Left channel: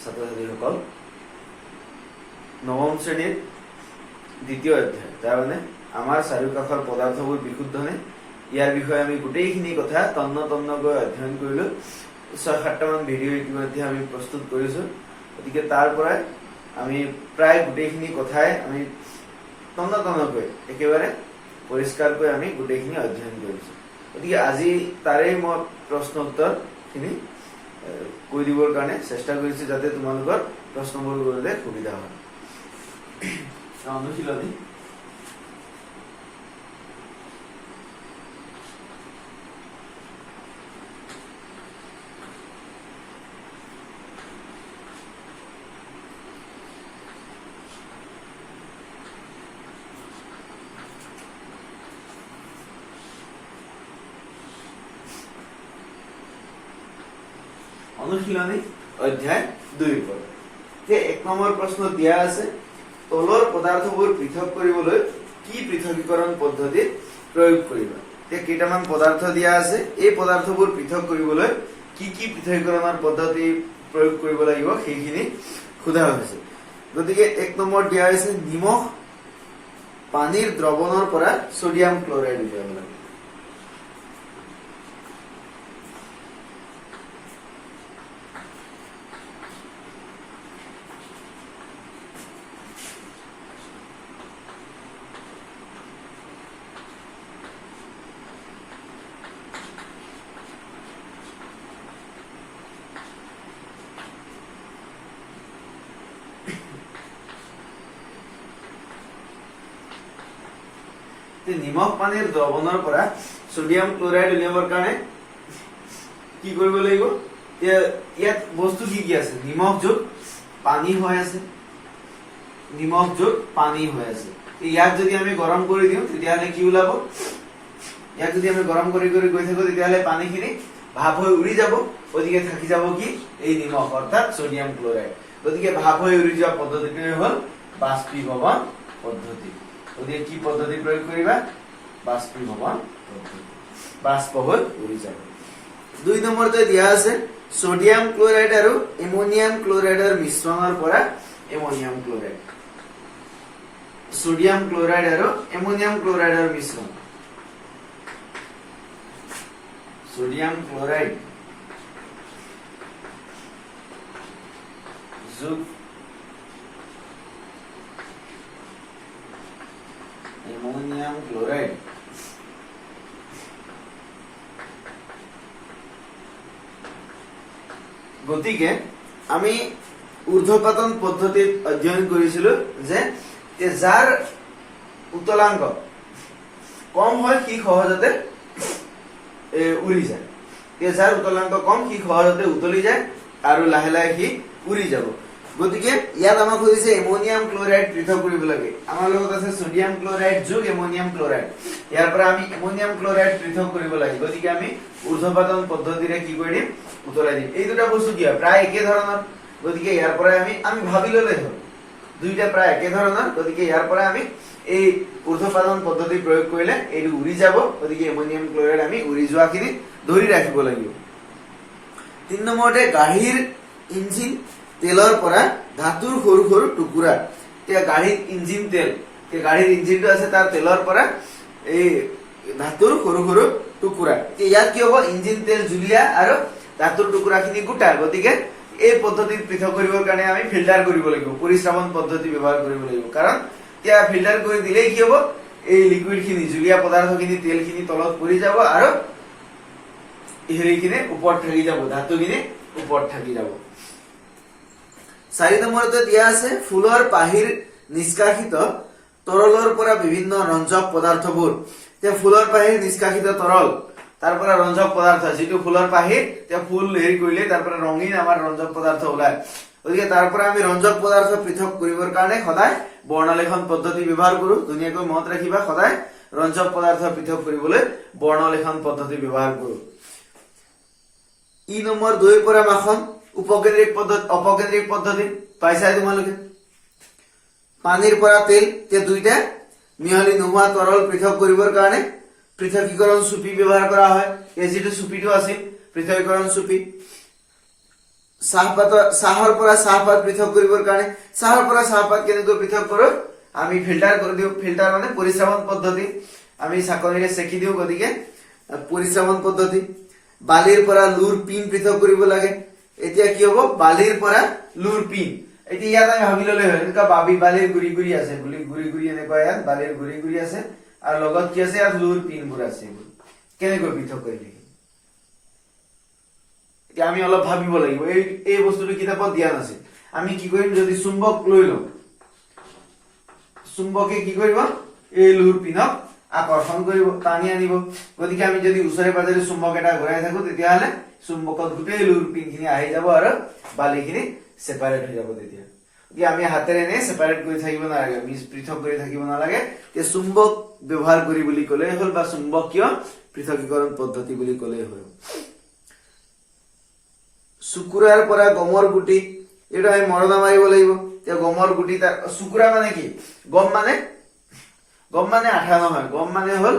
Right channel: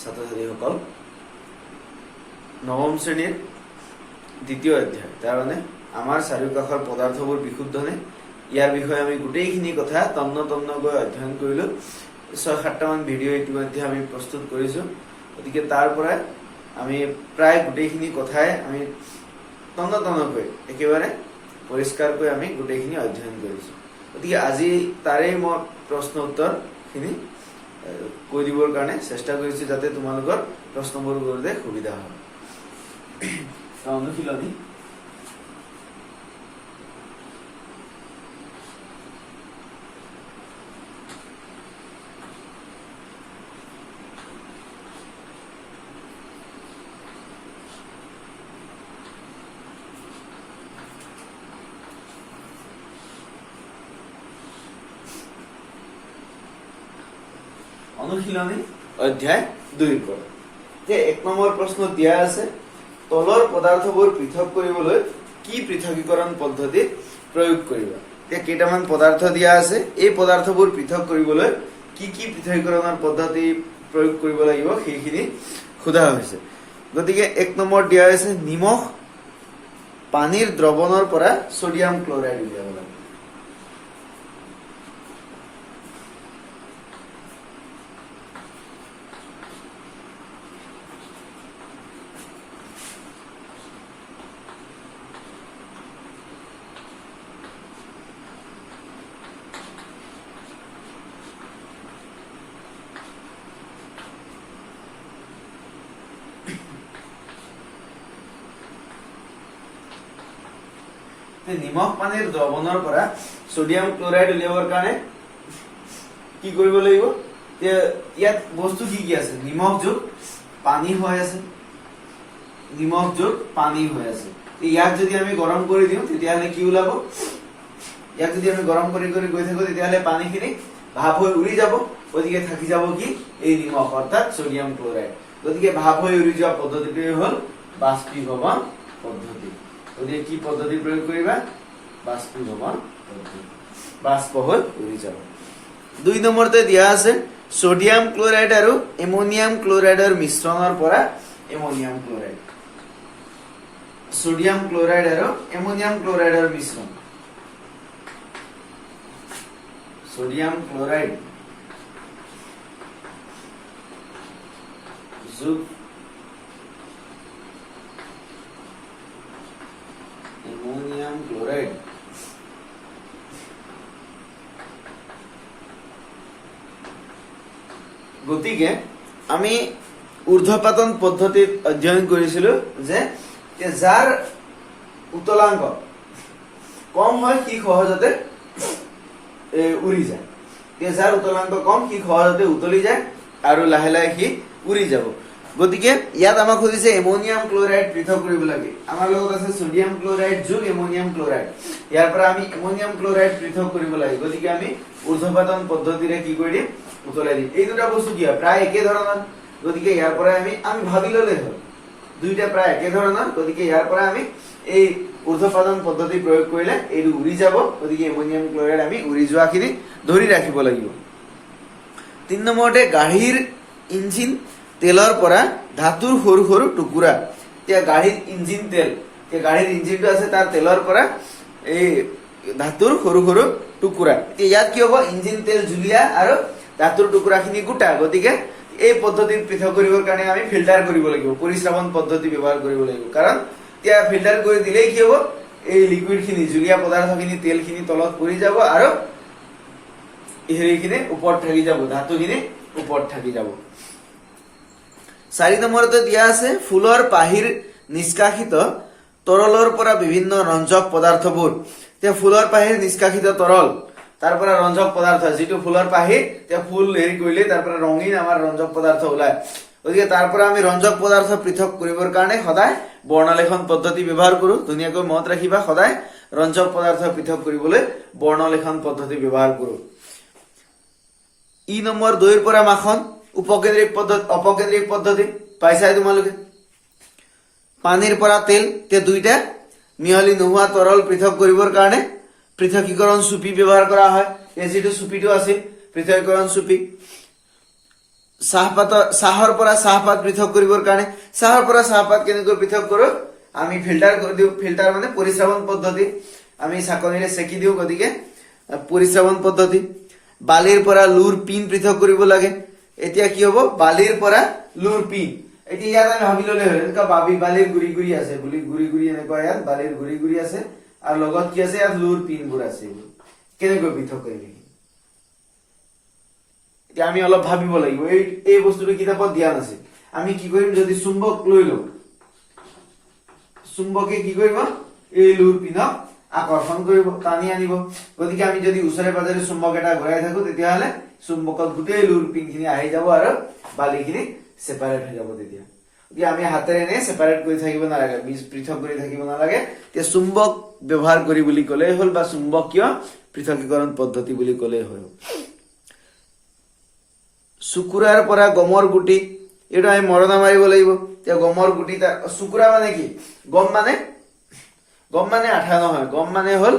ছাত্ৰ ছাত্ৰীসকল নৱম শ্ৰেণীৰ দ্বিতীয় অধ্যায় তাৰ মানে আমাৰ চাৰিওকাষৰ পদাৰ্থবোৰ বিশুদ্ধনে ইয়াৰ বিষয়ে আমি গোটেইখিনি কথা তন্নতন্নকৈ অধ্যয়ন কৰিলো ৬-৭টা মান ভিডিঅ' ইতিমধ্যে আমি প্ৰস্তুত কৰিছো গতিকে তাৰ পৰা আমি প্ৰায় গোটেইখিনি কথাই আমি তন্নতন্নকৈ একেবাৰে পৰিষ্কাৰকৈ আমি গোটেইখিনি অধ্যয়ন কৰিছো গতিকে আজি তাৰে মই প্ৰশ্ন উত্তৰখিনি কৈ দিবৰ কাৰণে চেষ্টা কৰিছো যাতে তোমালোকৰ প্ৰশ্নবোৰ কৰোঁতে সুবিধা হয় অনুশীলনী অনুশীলনী অধ্যায় 2 পৰা যে 1 নম্বৰ প্ৰশ্ন দিয়া আছে তলৰ পদাৰ্থবোৰ পৃথক কৰিবলৈ কি পৃথকীকৰণ পদ্ধতি প্ৰয়োগ কৰিবা তে কেইটামান পদাৰ্থ দিয়া আছে এই পদাৰ্থবোৰ পৃথক কৰিবলৈ কি পৃথকীকৰণৰ পদ্ধতি প্ৰয়োগ কৰিব লাগিব সেইখিনি খুদা হৈছে গতিকে 1 নম্বৰ দিয়া আছে নিমখ পানীৰ দ্ৰৱণৰ পৰা সোডিয়াম ক্লোৰাইড উলিয়াব লাগে নিমখ পানীৰ দ্ৰৱণৰ পৰা সোডিয়াম ক্লোৰাইড উলিয়াবৰ কাৰণে কি কৰিব লাগিব ইয়াত বস্তু কি আছে নিমখ যোগ পানী হৈ আছে নিমখ যোগ পানী হৈ আছে ইয়াক যদি আমি গৰম কৰি দিওঁ তেতিয়াহলে কি ওলাব ইয়াক যদি আমি গৰম কৰি গৈ থাকো তেতিয়াহলে পানীখিনি ভাপ হৈ উৰি যাব ওদিকে থাকি যাব কি এই নিমখ অৰ্থাৎ সোডিয়াম ক্লোৰাইড ওদিকে ভাপ হৈ উৰি যোৱা পদ্ধতিটো হ'ল বাষ্পীভৱন পদ্ধতি ওদিকে কি পদ্ধতি প্ৰয়োগ কৰিবা বাষ্পীভৱন পদ্ধতি বাষ্প হৈ উৰি যাব 2 নম্বৰতে দিয়া আছে সোডিয়াম ক্লোৰাইড আৰু এমোনিয়াম ক্লোৰাইডৰ মিশ্ৰণৰ পৰা এমোনিয়াম ক্লোৰাইড সোডিয়াম ক্লোৰাইড আৰু এমোনিয়াম ক্লোৰাইডৰ মিশ্ৰণ সোডিয়াম ক্লোৰাইড যোগ এমোনিয়াম ক্লোৰাইড গতিকে আমি ঊৰ্ধ্বপাতন পদ্ধতিত অধ্যয়ন কৰিছিলো যে যাৰ উতলাংক কম হয় কি সহজতে উৰি যায় যাৰ উতলাংক কম কি সহজতে উতলি যায় আৰু লাহে লাহে কি উৰি যাব গতিকে ইয়াত আমাক কৈছে এমোনিয়াম ক্লোৰাইড পৃথক কৰিব লাগে আমাৰ লগত আছে সোডিয়াম ক্লোৰাইড যোগ এমোনিয়াম ক্লোৰাইড ইয়াৰ পৰা আমি এমোনিয়াম ক্লোৰাইড পৃথক কৰিব লাগে গতিকে আমি ঊৰ্ধ্বপাতন পদ্ধতিৰে কি কৰিম উতলাই দিম এই দুটা বস্তু কি প্ৰায় একে ধৰণৰ গতিকে ইয়াৰ পৰা আমি ভাবি ললে হ'ল দুইটা প্ৰায় একে ধৰণৰ গতিকে ইয়াৰ পৰা আমি এই ঊৰ্ধ্বপাতন পদ্ধতি প্ৰয়োগ কৰিলে এইটো উৰি যাব গতিকে এমোনিয়াম ক্লোৰাইড আমি উৰি যোৱাখিনি ধৰি ৰাখিব লাগিব 3 নম্বৰতে গাড়ীৰ ইঞ্জিন তেলৰ পৰা ধাতুৰ সৰু সৰু টুকুৰা এতিয়া গাড়ীৰ ইঞ্জিন তেল গাড়ীৰ ইঞ্জিনটো আছে তাৰ তেলৰ পৰা এই ধাতুৰ সৰু সৰু টুকুৰা এতিয়া ইয়াত কি হ'ব ইঞ্জিন তেল জুলীয়া আৰু ধাতুৰ টুকুৰাখিনি গোটা গতিকে এই পদ্ধতিত পৃথক কৰিবৰ কাৰণে আমি ফিল্টাৰ কৰিব লাগিব পৰিশ্ৰাৱণ পদ্ধতি ব্যৱহাৰ কৰিব লাগিব কাৰণ এতিয়া ফিল্টাৰ কৰি দিলেই কি হ'ব এই লিকুইডখিনি জুলীয়া পদাৰ্থখিনি তেলখিনি তলত পৰি যাব আৰু হেৰিখিনি ওপৰত থাকি যাব ধাতুখিনি ওপৰত থাকি যাব 4 নম্বৰতে দিয়া আছে ফুলৰ পাহিৰ নিষ্কাশিত তৰলৰ পৰা বিভিন্ন ৰঞ্জক পদাৰ্থবোৰ তে ফুলৰ পাহিৰ নিষ্কাশিত তৰল তাৰ পৰা ৰঞ্জক পদাৰ্থ যেটো ফুলৰ পাহিৰ তে ফুল হেৰি কৰিলে তাৰ পৰা ৰঙীন আমাৰ ৰঞ্জক পদাৰ্থ ওলায় গতিকে তাৰ পৰা আমি ৰঞ্জক পদাৰ্থ পৃথক কৰিবৰ কাৰণে সদায় বৰ্ণলেখন পদ্ধতি ব্যৱহাৰ কৰো ধুনীয়াকৈ মনত ৰাখিবা সদায় ৰঞ্জক পদাৰ্থ পৃথক কৰিবলৈ বৰ্ণলেখন পদ্ধতি ব্যৱহাৰ কৰো ই নম্বৰ 2 পৰা মাখন উপকেন্দ্ৰিক পদ্ধতি অপকেন্দ্ৰিক পদ্ধতি পাইছাই তোমালোকে পানীৰ পৰা তেল তে দুইটা মিহলি নোহোৱা তৰল পৃথক কৰিবৰ কাৰণে পৃথকীকৰণ চুপি ব্যৱহাৰ কৰা হয় এই যেটো চুপিটো আছে পৃথকীকৰণ চুপি চাহৰ পৰা চাহপাত পৃথক কৰিবৰ কাৰণে চাহৰ পৰা চাহপাত কেনেকৈ পৃথক কৰো আমি ফিল্টাৰ কৰি দিওঁ ফিল্টাৰ মানে পৰিশ্ৰমণ পদ্ধতি আমি চাকনিৰে সেকি দিওঁ গতিকে পৰিশ্ৰমণ পদ্ধতি বালিৰ পৰা লুৰ পিন পৃথক কৰিব লাগে এতিয়া কি হ'ব বালিৰ পৰা লুৰ পিন এতিয়া ইয়াত আমি ভাবি ললে হয় এনেকা বালিৰ গুৰি গুৰি আছে গুৰি গুৰি এনেকুৱা ইয়াত বালিৰ গুৰি গুৰি আছে আৰু লগত কি আছে ইয়াত লুৰ পিনবোৰ আছে কেনেকৈ পৃথক কৰিবি আমি অলপ ভাবিব লাগিব এই বস্তুটো কিতাপত দিয়া নাছিল আমি কি কৰিম যদি চুম্বক লৈ লওঁ চুম্বকে কি কৰিব এই লুৰ পিনক আকৰ্ষণ কৰিব টানি আনিব গতিকে আমি যদি ওচৰে পাজৰে চুম্বক এটা ঘূৰাই থাকো তেতিয়াহলে চুম্বকত গোটেই লুৰ পিনখিনি আহি যাব আৰু বালিখিনি সেপাৰেট হৈ যাব তেতিয়া এতিয়া আমি হাতেৰে নে সেপাৰেট কৰি থাকিব নালাগে পৃথক কৰি থাকিব নালাগে তে চুম্বক ব্যৱহাৰ কৰি বুলি ক'লে হ'ল বা চুম্বকীয় পৃথকীকৰণ পদ্ধতি বুলি ক'লে হ'ল সুকুৰাৰ পৰা গমৰ গুটি এটা আমি মৰণা মাৰিব লাগিব তে গমৰ গুটি সুকুৰা মানে কি গম মানে আঠা নহয় গম মানে হ'ল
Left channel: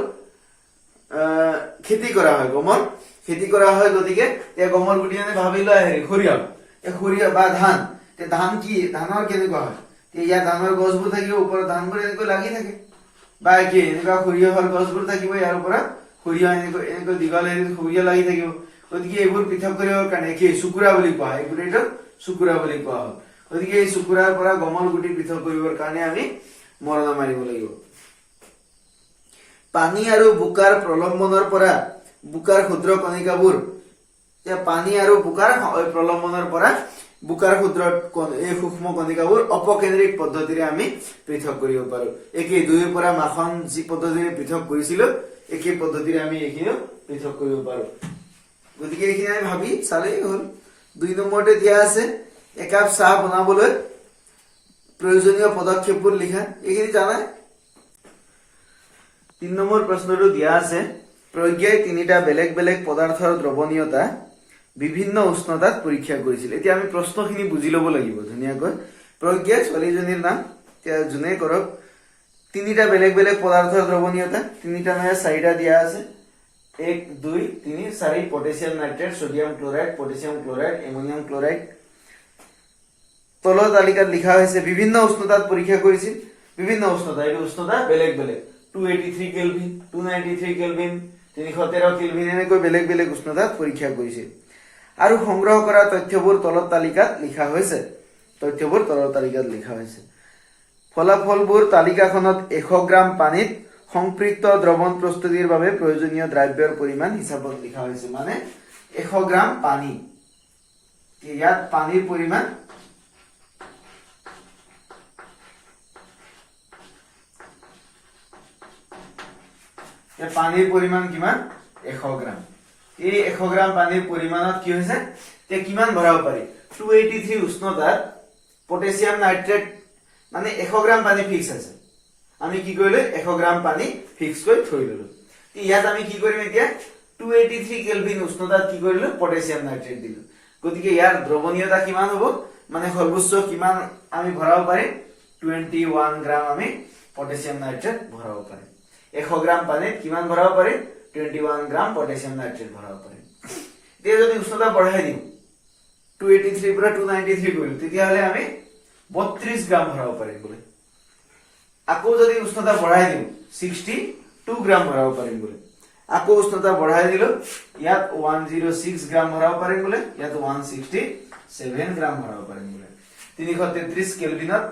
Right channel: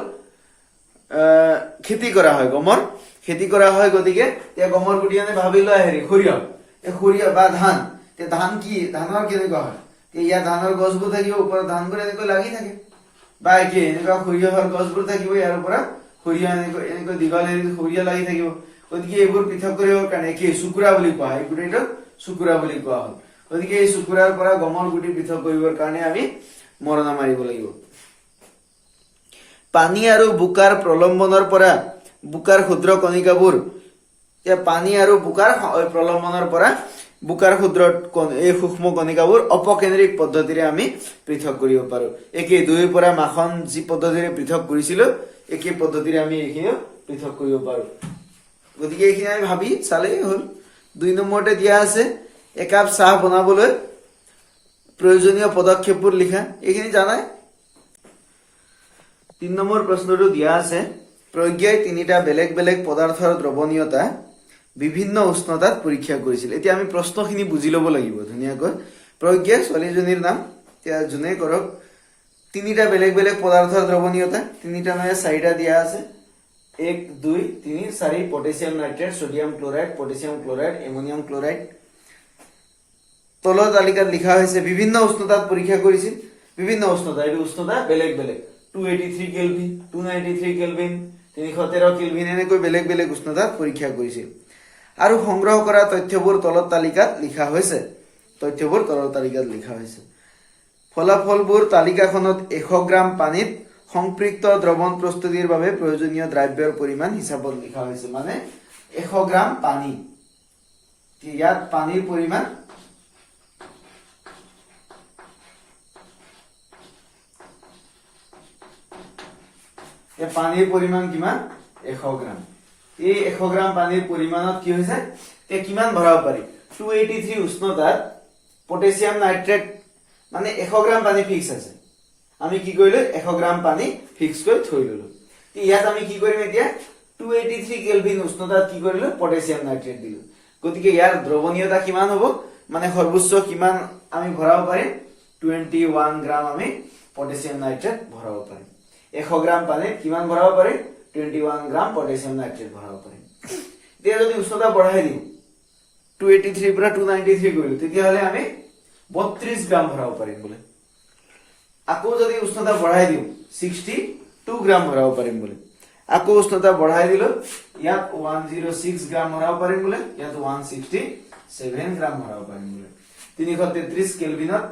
খেতি কৰা হয় গমৰ খেতি কৰা হয় গতিকে তে গমৰ গুটি মানে ভাবি লোৱা হেৰি সৰিয়হ বা ধান তে ধান কি ধানৰ কেনেকুৱা হয় তে ইয়াত ধানৰ গছবোৰ থাকিব ওপৰত ধানবোৰ এনেকৈ লাগি থাকে বা কি এনেকুৱা সৰিয়হৰ গছবোৰ থাকিব ইয়াৰ পৰা সৰিয়হ এনেকৈ দীঘল সৰিয়হ লাগি থাকিব গতিকে এইবোৰ পৃথক কৰিবৰ কাৰণে কি সুকুৰা বুলি কোৱা হয় এইটো সুকুৰা বুলি কোৱা হয় গতিকে এই সুকুৰাৰ পৰা গমৰ গুটি পৃথক কৰিবৰ কাৰণে আমি মৰণা মাৰিব লাগিব পানী আৰু বোকাৰ প্ৰলম্বনৰ পৰা বোকাৰ ক্ষুদ্ৰ কণিকাবোৰ পানী আৰু বোকাৰ প্ৰলম্বনৰ পৰা বোকাৰ ক্ষুদ্ৰ এই সূক্ষ্ম কণিকাবোৰ অপকেন্দ্ৰিক পদ্ধতিৰে আমি পৃথক কৰিব পাৰো একেই দুইৰ পৰা মাখন যি পদ্ধতিৰে পৃথক কৰিছিলো একেই পদ্ধতিৰে আমি এইখিনি পৃথক কৰিব পাৰো গতিকে এইখিনি আমি ভাবি চালেই হ'ল 2 নম্বৰতে দিয়া আছে একাপ চাহ বনাবলৈ প্ৰয়োজনীয় পদক্ষেপবোৰ লিখা এইখিনি জানাই 3 নম্বৰ প্ৰশ্নটো দিয়া আছে প্ৰজ্ঞাই তিনিটা বেলেগ বেলেগ পদাৰ্থৰ দ্ৰৱণীয়তা বিভিন্ন উষ্ণতাত পৰীক্ষা কৰিছিল এতিয়া আমি প্ৰশ্নখিনি বুজি ল'ব লাগিব ধুনীয়াকৈ প্ৰজ্ঞা ছোৱালীজনীৰ নাম এতিয়া যোনে কৰক তিনিটা বেলেগ বেলেগ পদাৰ্থৰ দ্ৰৱণীয়তা তিনিটা নহয় চাৰিটা দিয়া আছে 1 2 3 4 potassium nitrate sodium chloride potassium chloride ammonium chloride তলৰ তালিকাত লিখা হৈছে বিভিন্ন উষ্ণতাত পৰীক্ষা কৰিছিল বিভিন্ন উষ্ণতা এই উষ্ণতা বেলেগ বেলেগ 283 কেলভিন 293 কেলভিন 313 কেলভিন এনেকৈ বেলেগ বেলেগ উষ্ণতাত পৰীক্ষা কৰিছিল আৰু সংগ্ৰহ কৰা তথ্যবোৰ তলৰ তালিকাত লিখা হৈছে ফলাফলবোৰ তালিকাখনত 100 গ্ৰাম পানীত সংপৃক্ত দ্ৰৱণ প্ৰস্তুতিৰ বাবে প্ৰয়োজনীয় দ্ৰব্যৰ পৰিমাণ হিচাপত লিখা হৈছে মানে 100 গ্ৰাম পানী ইয়াত পানীৰ পৰিমাণ পানীৰ পৰিমাণ কিমান 100 গ্ৰাম এই 100 গ্ৰাম পানীৰ পৰিমাণত কি হৈছে তে কিমান ভৰাব পাৰি 283 উষ্ণতাত পটাছিয়াম নাইট্ৰেট মানে 100 গ্ৰাম পানী ফিক্স আছে আমি কি কৰিলো 100 গ্ৰাম পানী ফিক্স কৰি থৈ দিলো ইয়াত আমি কি কৰিম এতিয়া 283 কেলভিন উষ্ণতাত কি কৰিলো পটাছিয়াম নাইট্ৰেট দিলো গতিকে ইয়াৰ দ্ৰৱণীয়তা কিমান হ'ব মানে সৰ্বোচ্চ কিমান আমি ভৰাব পাৰিম 21 গ্ৰাম আমি পটাছিয়াম নাইট্ৰেট ভৰাব পাৰিম 100 গ্ৰাম পানীত কিমান ভৰাব পাৰিম 21 গ্ৰাম পটাছিয়াম নাইট্ৰেট ভৰাব পাৰিম এতিয়া যদি উষ্ণতা বঢ়াই দিওঁ 283 পৰা 293 কৰিলো তেতিয়াহলে আমি 32 গ্ৰাম ভৰাব পাৰিম বলে আকৌ যদি উষ্ণতা বঢ়াই দিওঁ 62 গ্ৰাম ভৰাব পাৰিম বলে আকৌ উষ্ণতা বঢ়াই দিলো ইয়াত 106 গ্ৰাম ভৰাব পাৰিম বলে ইয়াত 167 গ্ৰাম ভৰাব পাৰিম বলে 333 কেলভিনত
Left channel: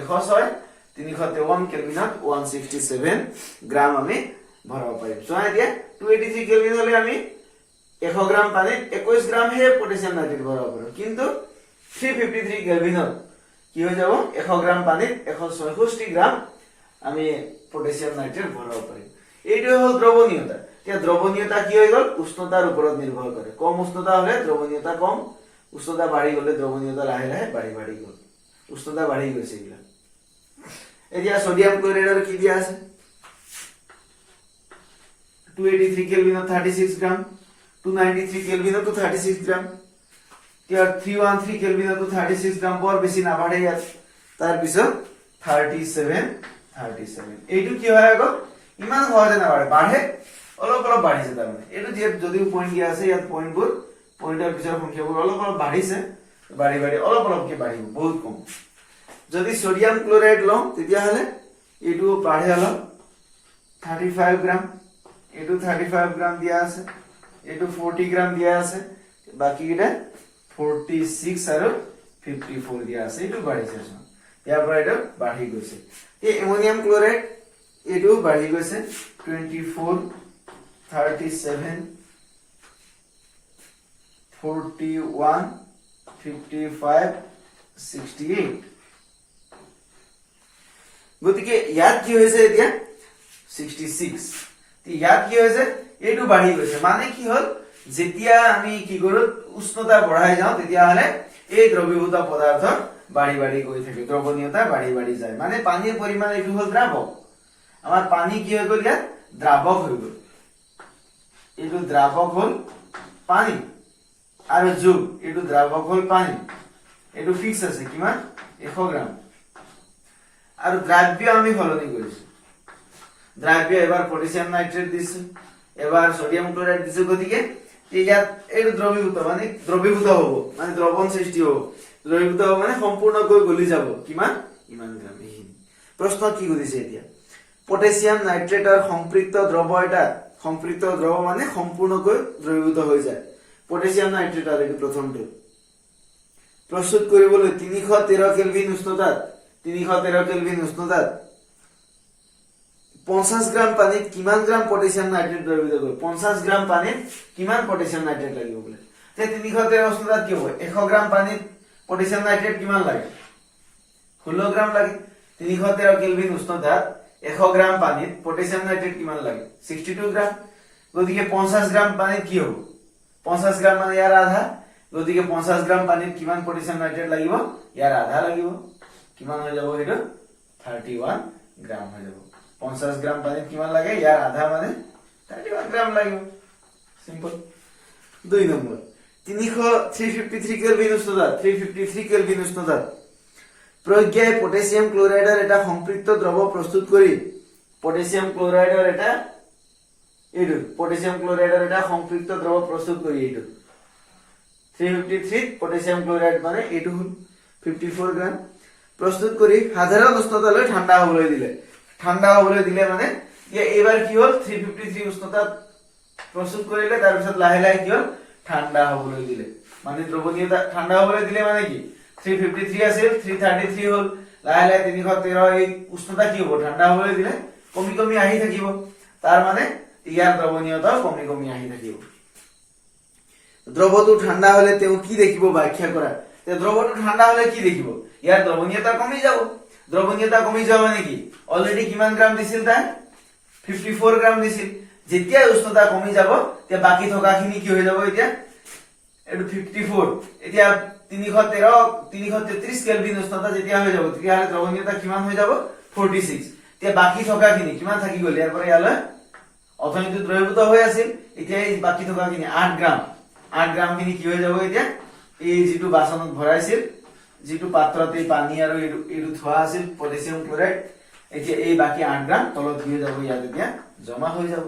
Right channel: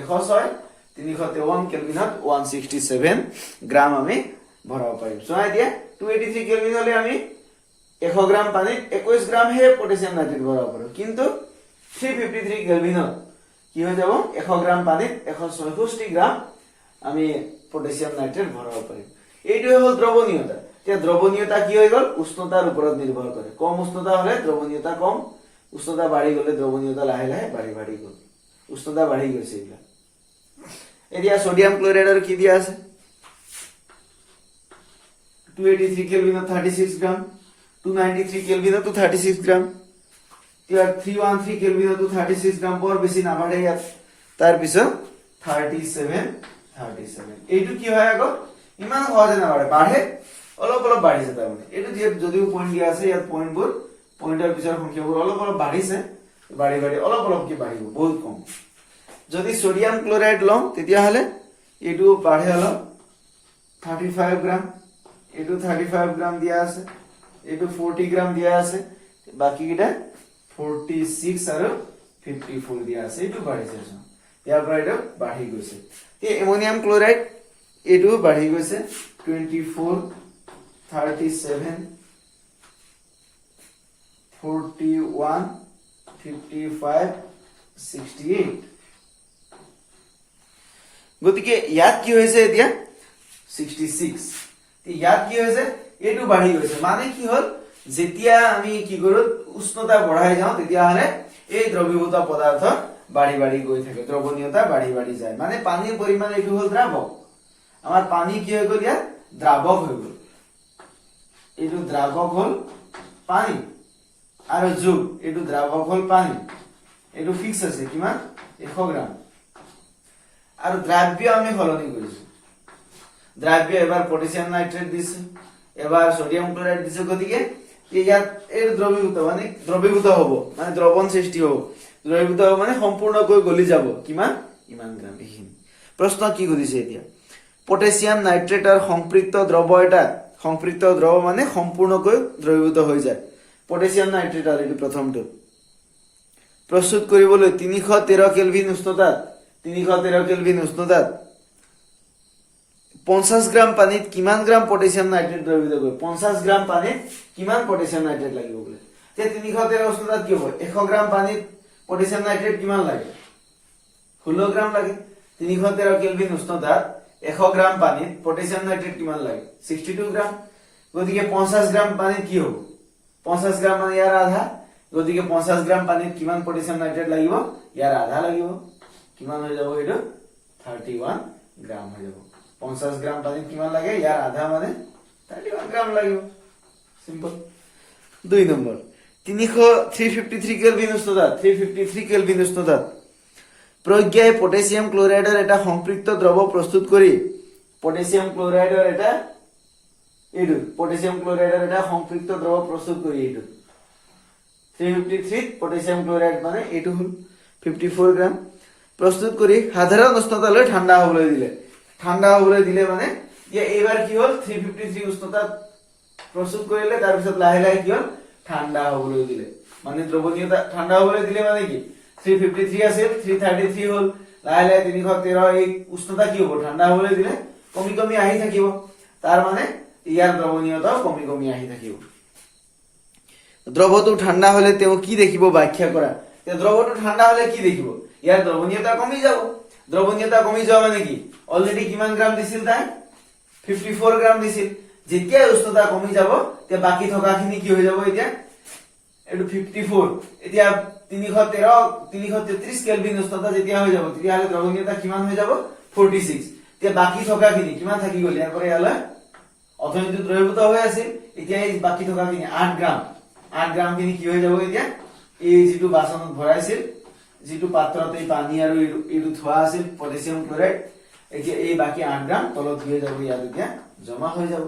106 353 কেলভিনত 167 গ্ৰাম আমি ভৰাব পাৰিম চোৱা এতিয়া 283 কেলভিন হলে আমি 100 গ্ৰাম পানীত 21 গ্ৰাম হে পটাছিয়াম নাইট্ৰেট ভৰাব পাৰো কিন্তু 353 কেলভিনত কি হৈ যাব 100 গ্ৰাম পানীত 166 গ্ৰাম আমি পটাছিয়াম নাইট্ৰেট ভৰাব পাৰিম এইটো হল দ্ৰৱণীয়তা এতিয়া দ্ৰৱণীয়তা কি হৈ গল উষ্ণতাৰ ওপৰত নিৰ্ভৰ কৰে কম উষ্ণতা হলে দ্ৰৱণীয়তা কম উষ্ণতা বাঢ়ি গলে দ্ৰৱণীয়তা লাহে লাহে বাঢ়ি গল উষ্ণতা বাঢ়ি গৈছে এইবিলাক এতিয়া সোডিয়াম ক্লোৰাইডৰ কি দিয়া আছে 283 কেলভিনত 36 গ্ৰাম 293 কেলভিনত 36 গ্ৰাম ইয়াৰ 313 কেলভিনত 36 গ্ৰাম বৰ বেছি নাবাঢ়ে ইয়াত তাৰ পিছত 37 এইটো কি হয় আকৌ ইমান সহজে নাবাঢ়ে বাঢ়ে অলপ অলপ বাঢ়িছে তাৰ মানে এইটো যে যদিও পইণ্ট দিয়া আছে ইয়াত পইণ্টবোৰ পইণ্টৰ পিছৰ সংখ্যাবোৰ অলপ অলপ বাঢ়িছে বাঢ়ি বাঢ়ি অলপ অলপকে বাঢ়িব বহুত কম যদি সোডিয়াম ক্লোৰাইড লওঁ তেতিয়াহ'লে এইটো বাঢ়ে অলপ 35 গ্ৰাম এইটো 35 গ্ৰাম দিয়া আছে এইটো 40 গ্ৰাম দিয়া আছে বাকি কেইটা 46 আৰু 54 দিয়া আছে এইটো বাঢ়িছে ইয়াৰ পৰা এটা বাঢ়ি গৈছে এই এমোনিয়াম ক্লোৰাইড এইটো বাঢ়ি গৈছে 24 37 41 55 68 গতিকে ইয়াত কি হৈছে এতিয়া 66 ইয়াত কি হৈছে এইটো বাঢ়ি গৈছে মানে কি হল যেতিয়া আমি কি কৰো উষ্ণতা বঢ়াই যাওঁ তেতিয়াহলে এই দ্ৰৱীভূত পদাৰ্থ বাঢ়ি বাঢ়ি গৈ থাকে দ্ৰৱণীয়তা বাঢ়ি বাঢ়ি যায় মানে পানীৰ পৰিমাণ এইটো হল দ্ৰাৱক আমাৰ পানী কি হৈ গ'ল ইয়াত দ্ৰাৱক হৈ গ'ল এইটো দ্ৰাৱক হল পানী আৰু যোগ এইটো দ্ৰাৱক হল পানী এইটো ফিক্স আছে কিমান 100 গ্ৰাম আৰু দ্ৰব্য আমি সলনি কৰিছো দ্ৰব্য এবাৰ পটাছিয়াম নাইট্ৰেট দিছো এবাৰ সোডিয়াম ক্লোৰাইড দিছো গতিকে ইয়াত এই দ্ৰৱীভূত মানে দ্ৰৱীভূত হ'ব মানে দ্ৰৱণ সৃষ্টি হ'ব দ্ৰৱীভূত হ'ব মানে সম্পূৰ্ণকৈ গলি যাব কিমান ইমান গ্ৰাম এইখিনি প্ৰশ্ন কি কৰিছে এতিয়া পটাছিয়াম নাইট্ৰেটৰ সম্পৃক্ত দ্ৰৱ এটা সম্পৃক্ত দ্ৰৱ মানে সম্পূৰ্ণকৈ দ্ৰৱীভূত হৈ যায় পটাছিয়াম নাইট্ৰেট আৰু এইটো প্ৰথমটো প্ৰস্তুত কৰিবলৈ 313 কেলভিন উষ্ণতাত 313 কেলভিন উষ্ণতাত 50 গ্ৰাম পানীত কিমান গ্ৰাম পটাছিয়াম নাইট্ৰেট দ্ৰৱীভূত কৰিব 50 গ্ৰাম পানীত কিমান পটাছিয়াম নাইট্ৰেট লাগিব বলে তে 313 উষ্ণতাত কি হ'ব 100 গ্ৰাম পানীত পটাছিয়াম নাইট্ৰেট কিমান লাগে 16 গ্ৰাম লাগে 313 কেলভিন উষ্ণতাত 100 গ্ৰাম পানীত পটাছিয়াম নাইট্ৰেট কিমান লাগে 62 গ্ৰাম গতিকে 50 গ্ৰাম পানীত কি হ'ব 50 গ্ৰাম মানে ইয়াৰ আধা গতিকে 50 গ্ৰাম পানীত কিমান পটাছিয়াম নাইট্ৰেট লাগিব ইয়াৰ আধা লাগিব কিমান হৈ যাব এইটো 31 গ্ৰাম হৈ যাব 50 গ্ৰাম পানীত কিমান লাগে ইয়াৰ আধা মানে 31 গ্ৰাম লাগিব সিম্পল 2 নম্বৰ 353 কেলভিন উষ্ণতাত 353 কেলভিন উষ্ণতাত প্ৰজ্ঞাই পটাছিয়াম ক্লোৰাইডৰ এটা সম্পৃক্ত দ্ৰৱ প্ৰস্তুত কৰি পটাছিয়াম ক্লোৰাইডৰ এটা এইটো পটাছিয়াম ক্লোৰাইডৰ এটা সম্পৃক্ত দ্ৰৱ প্ৰস্তুত কৰি এইটো 353 পটাছিয়াম ক্লোৰাইড মানে এইটো হল 54 গ্ৰাম প্ৰস্তুত কৰি সাধাৰণ উষ্ণতালৈ ঠাণ্ডা হ'বলৈ দিলে মানে এইবাৰ কি হল 353 উষ্ণতাত প্ৰস্তুত কৰিলে তাৰ পিছত লাহে লাহে কি হল ঠাণ্ডা হ'বলৈ দিলে মানে দ্ৰৱণীয়তা ঠাণ্ডা হ'বলৈ দিলে মানে কি 353 আছিল 333 হল লাহে লাহে 313 এই উষ্ণতা কি হ'ব ঠাণ্ডা হ'বলৈ দিলে কমি কমি আহি থাকিব তাৰ মানে ইয়াৰ দ্ৰৱণীয়তা কমি কমি আহি থাকিব দ্ৰৱটো ঠাণ্ডা হলে তেওঁ কি দেখিব ব্যাখ্যা কৰা তে দ্ৰৱটো ঠাণ্ডা হলে কি দেখিব ইয়াৰ দ্ৰৱণীয়তা কমি যাব দ্ৰৱণীয়তা কমি যোৱা মানে কি অলৰেডি কিমান গ্ৰাম দিছিল তাই 54 গ্ৰাম দিছিল যেতিয়া উষ্ণতা কমি যাব তে বাকি থকাখিনি কি হৈ যাব এতিয়া এটো 54 এতিয়া 333 কেলভিন উষ্ণতা যেতিয়া হৈ যাব তেতিয়াহলে দ্ৰৱণীয়তা কিমান হৈ যাব 46 তে বাকি থকাখিনি কিমান থাকি গ'ল ইয়াৰ পৰা ইয়ালৈ অথনিটো দ্ৰৱীভূত হৈ আছিল এতিয়া এই বাকি থকাখিনি 8 গ্ৰাম খিনি কি হৈ যাব এতিয়া এই যেটো বাসনত ভৰাইছিল যেটো পাত্ৰতে পানী আৰু এইটো থোৱা আছিল পটাছিয়াম ক্লোৰাইড এতিয়া এই বাকি 8 গ্ৰাম তলত হৈ যাব ইয়াত এতিয়া জমা হৈ যাব